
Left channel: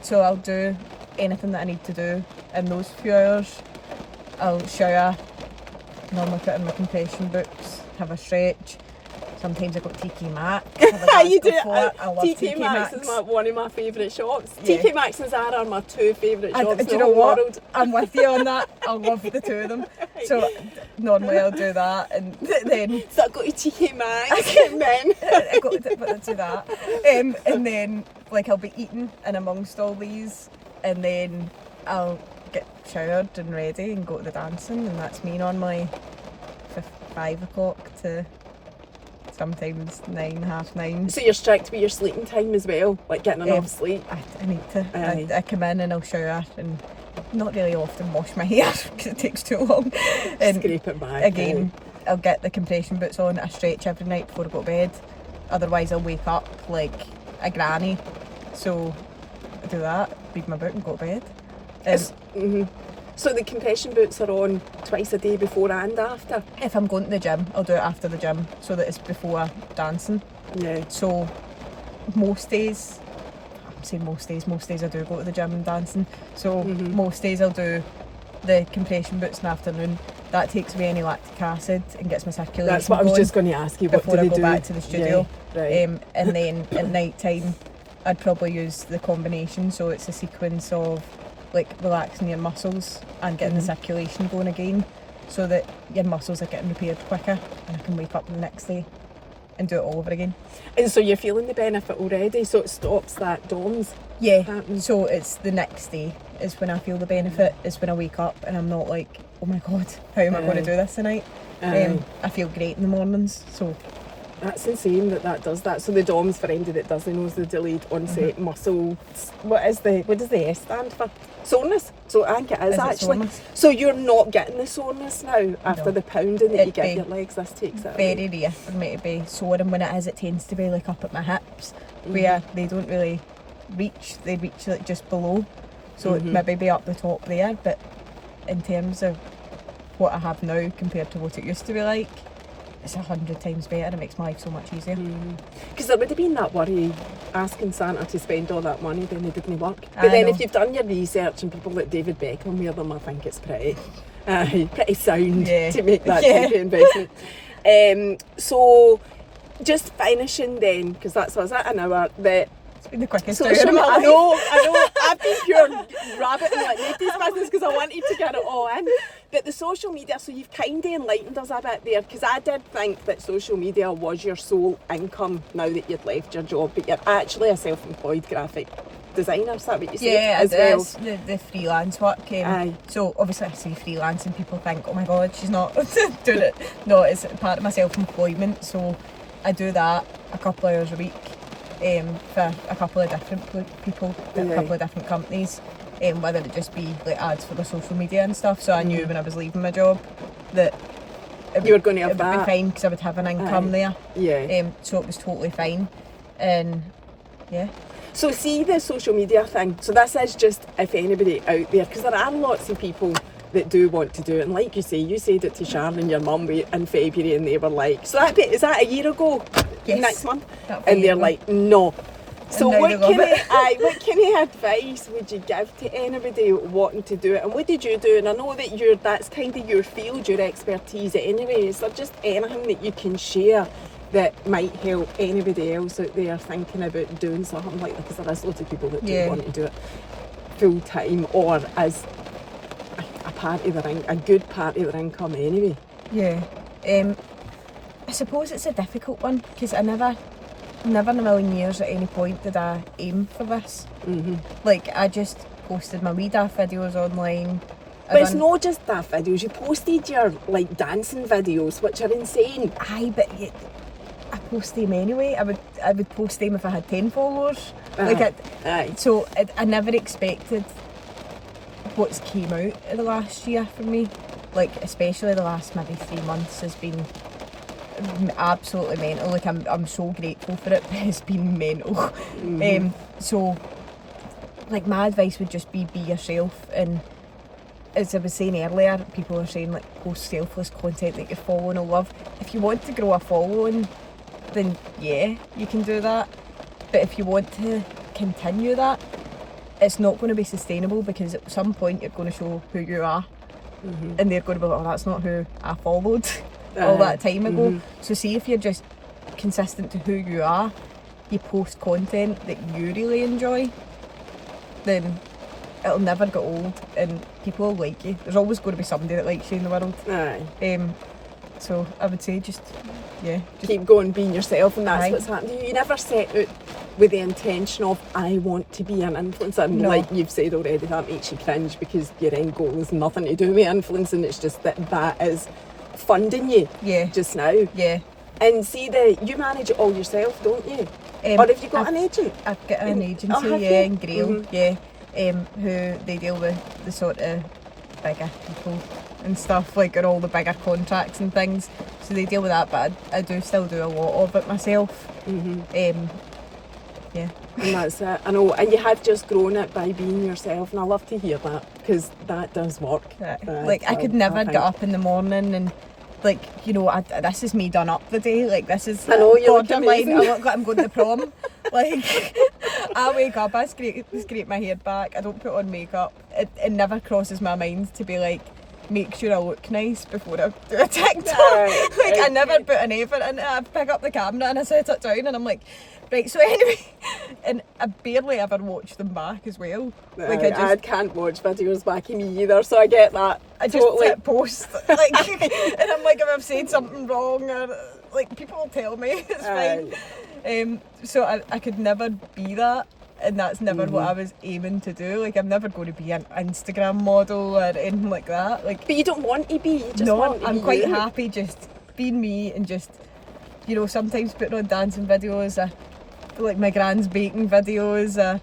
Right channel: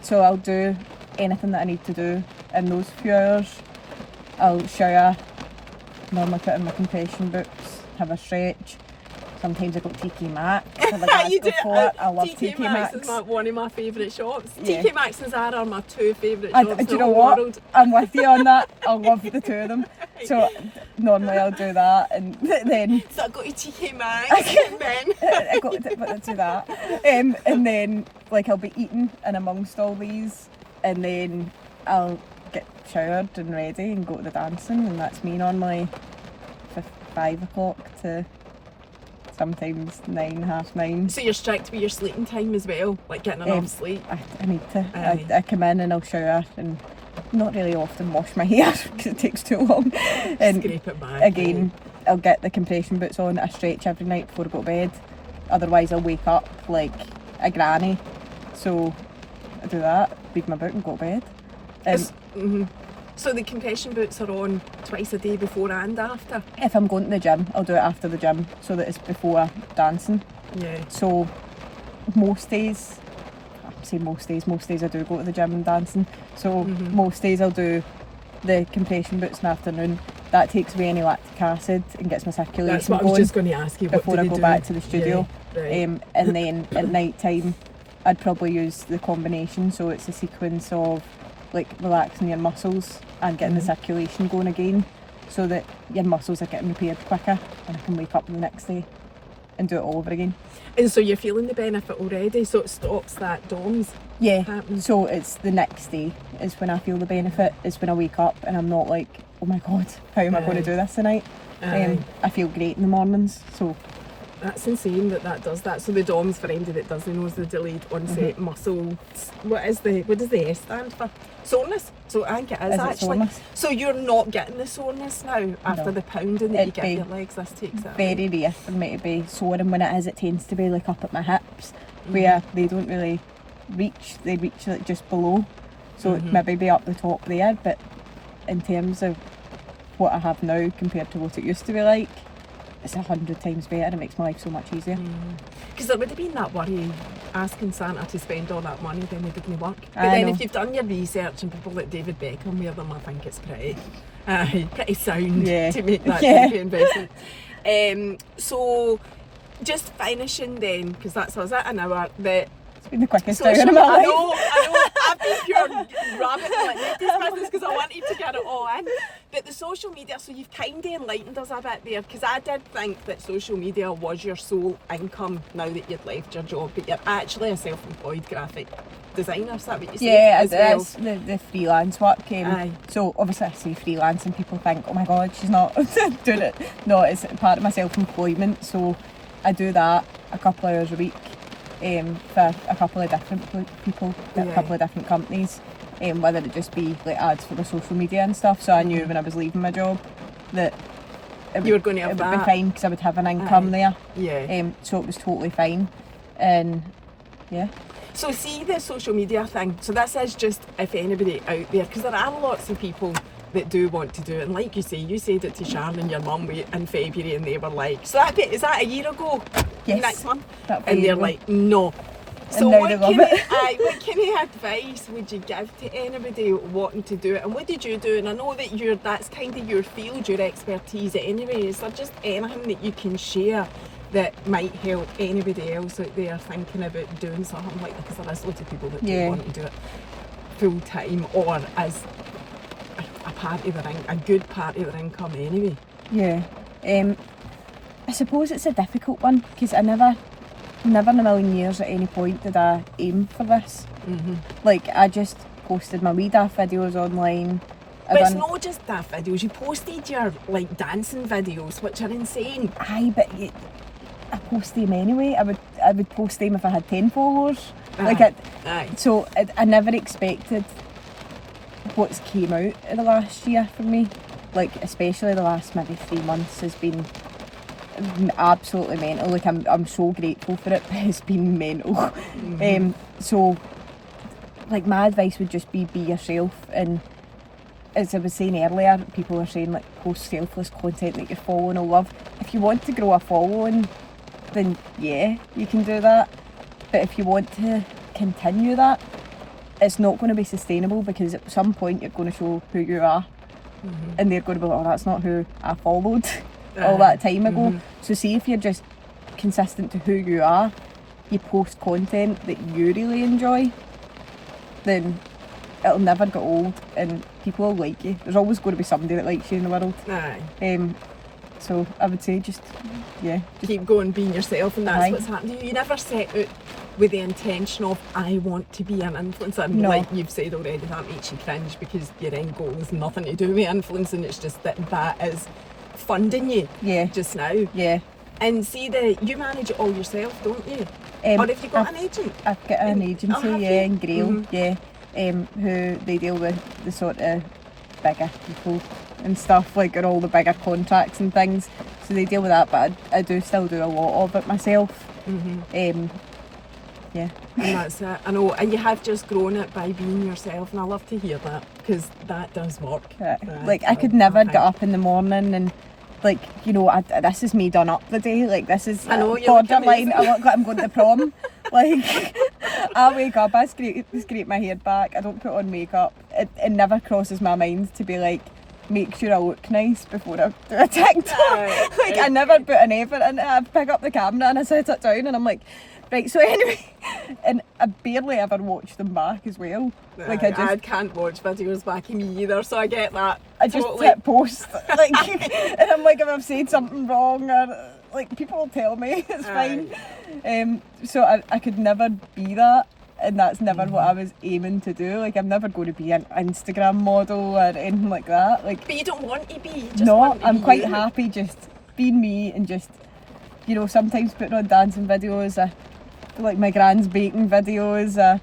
So I'll do anything that I need to do in those few hours. I'll shower, normally put in my compression boots, have a stretch. Sometimes I go to TK Maxx, have a You do. Glasgow fort. I love TK Maxx Maxx. is one of my favourite shops. Yeah. TK Maxx and Zara are my 2 favourite shops in Do the you know whole what? world. I'm with you on that. I love the two of them. So normally I'll do that, and then So I go to TK Maxx and then I got to do that, and then like I'll be eating in amongst all these, and then I'll get showered and ready and go to the dancing, and that's me normally 5 o'clock to sometimes 9, half 9. So you're strict with your sleeping time as well, like getting enough sleep. I need to. Aye. I come in and I'll shower and not really often wash my hair because it takes too long. And Scrape it back. again, I'll get the compression boots on. I stretch every night before I go to bed. Otherwise, I'll wake up like a granny. So I do that, read my book and go to bed. So the compression boots are on twice a day before and after? If I'm going to the gym, I'll do it after the gym so that it's before dancing. Yeah. So most days I do go to the gym and dancing. So most days I'll do the compression boots in the afternoon. That takes away any lactic acid and gets my circulation That's what I was going just going to ask you. What before do I they go do? back to the studio. Yeah, right. And then at night time I'd probably use the combination, so it's a sequence of like relaxing your muscles and getting the circulation going again, so that your muscles are getting repaired quicker and I can wake up the next day. and do it all over again. And so you're feeling the benefit already, so it stops that DOMS Yeah, happening. so it's the next day is when I feel the benefit, is when I wake up and I'm not like, oh my god, how am I going to do this tonight? I feel great in the mornings, so... That's insane that does that. So the DOMS, for anybody that doesn't know, is the delayed onset muscle. What does the S stand for? Soreness. So I think it is actually. Soreness? So you're not getting the soreness now after the pounding that you give your legs. This takes it away. Very rare for me to be sore, and when it is, it tends to be like up at my hips, where they don't really reach. They reach like just below, so it maybe be up the top there. But in terms of what I have now compared to what it used to be like, it's 100 times better. It makes my life so much easier. Because there would have been that worry asking Santa to spend all that money, then it wouldn't work. But then if you've done your research and people like David Beckham wear them, I think it's pretty sound to make that type of investment. So just finishing then, because that's was it an hour, that it's been the quickest hour of my life. I know. I've been pure rabbit like Nikki's business because I wanted to get it all in. But the social media, so you've kind of enlightened us a bit there, because I did think that social media was your sole income now that you'd left your job, but you're actually a self-employed graphic designer, is that what you said? Yeah, as well? it's the freelance work. So obviously I say freelance and people think, oh my god, she's not doing it. No, it's part of my self-employment, so I do that a couple of hours a week. For a couple of different people, a couple of different companies, whether it just be like ads for the social media and stuff. So I knew when I was leaving my job that you were going to have it would be fine because I would have an income there. Yeah. So it was totally fine, and yeah. So see the social media thing. So this is just if anybody out there, because there are lots of people that do want to do it, and like you say, you said it to Sharon and your mum in February, and they were like, "So is that a year ago?" Yes. Next month, and they're like, "No." So what kind of advice would you give to anybody wanting to do it? And what did you do? And I know that that's kind of your field, your expertise anyway. Is there just anything that you can share that might help anybody else out there thinking about doing something like that? Because there is lots of people that do want to do it full time or as a part of a good part of their income anyway. Yeah. I suppose it's a difficult one because I never in a million years at any point did I aim for this. Like I just posted my wee daft videos online. But it's not just daft videos, you posted your like dancing videos, which are insane. Aye, but I post them anyway. I would post them if I had 10 followers. So I never expected what's came out in the last year for me, like especially the last maybe 3 months has been absolutely mental. Like I'm so grateful for it, but it's been mental. So like my advice would just be yourself, and as I was saying earlier, people are saying like post selfless content that you're following or love. If you want to grow a following, then yeah, you can do that. But if you want to continue that, it's not going to be sustainable, because at some point you're going to show who you are, and they're going to be like, oh, that's not who I followed all that time ago. So see if you're just consistent to who you are, you post content that you really enjoy, then it'll never get old and people will like you. There's always going to be somebody that likes you in the world. So I would say just keep going, being yourself, and that's what's happened. You never set out with the intention of I want to be an influencer, and like you've said already, that makes you cringe because your end goal is nothing to do with influencing. It's just that is funding you just now. And see, you manage it all yourself, don't you? Or have you got an agent? I've got an agency, in Grail, who they deal with the sort of bigger people and stuff, like, and all the bigger contracts and things. So they deal with that, but I do still do a lot of it myself. And that's it. I know, and you have just grown it by being yourself, and I love to hear that, because that does work. Like I could never get up in the morning and like, you know, this is me done up the day. Like this is borderline. I look like I'm going to prom. Like I wake up, I scrape my hair back. I don't put on makeup. It never crosses my mind to be like, make sure I look nice before I do a TikTok. I never put an effort in it. I pick up the camera and I set it down and I'm like, right, so anyway, and I barely ever watch them back as well. Like I can't watch videos back of me either, so I get that. I just hit post, like, and I'm like, if I've said something wrong, or like people will tell me it's Aye. fine. So I could never be that, and that's never what I was aiming to do. Like I'm never going to be an Instagram model or anything like that. Like, But you don't want to be. You just no, want to I'm be quite you. happy just being me and just, you know, sometimes putting on dancing videos, like my grand's baking videos,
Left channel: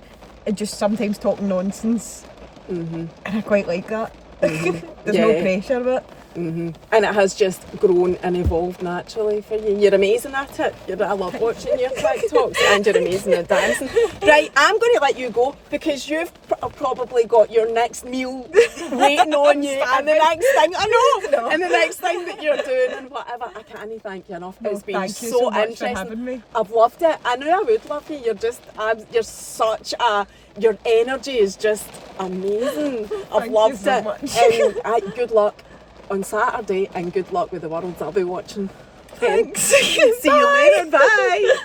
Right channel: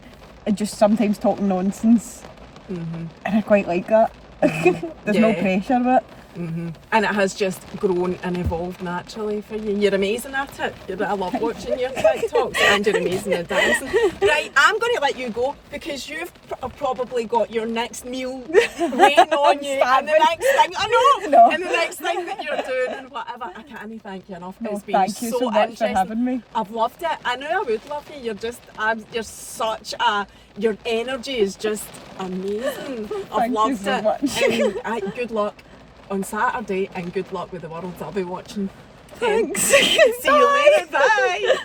and just sometimes talking nonsense. And I quite like that. There's no Yeah. pressure with it. And it has just grown and evolved naturally for you. You're amazing at it. I love watching your TikToks, and you're amazing at dancing. Right, I'm going to let you go because you've probably got your next meal waiting on you, and the next thing and the next thing that you're doing and whatever. I can't thank you enough. It's been Thank you so much for interesting. having me. I've loved it. I knew I would love you. You're such a. Your energy is just amazing. I've Thank you loved so it. much. Good luck on Saturday, and good luck with the world I'll be watching. Thanks. See you later. Bye.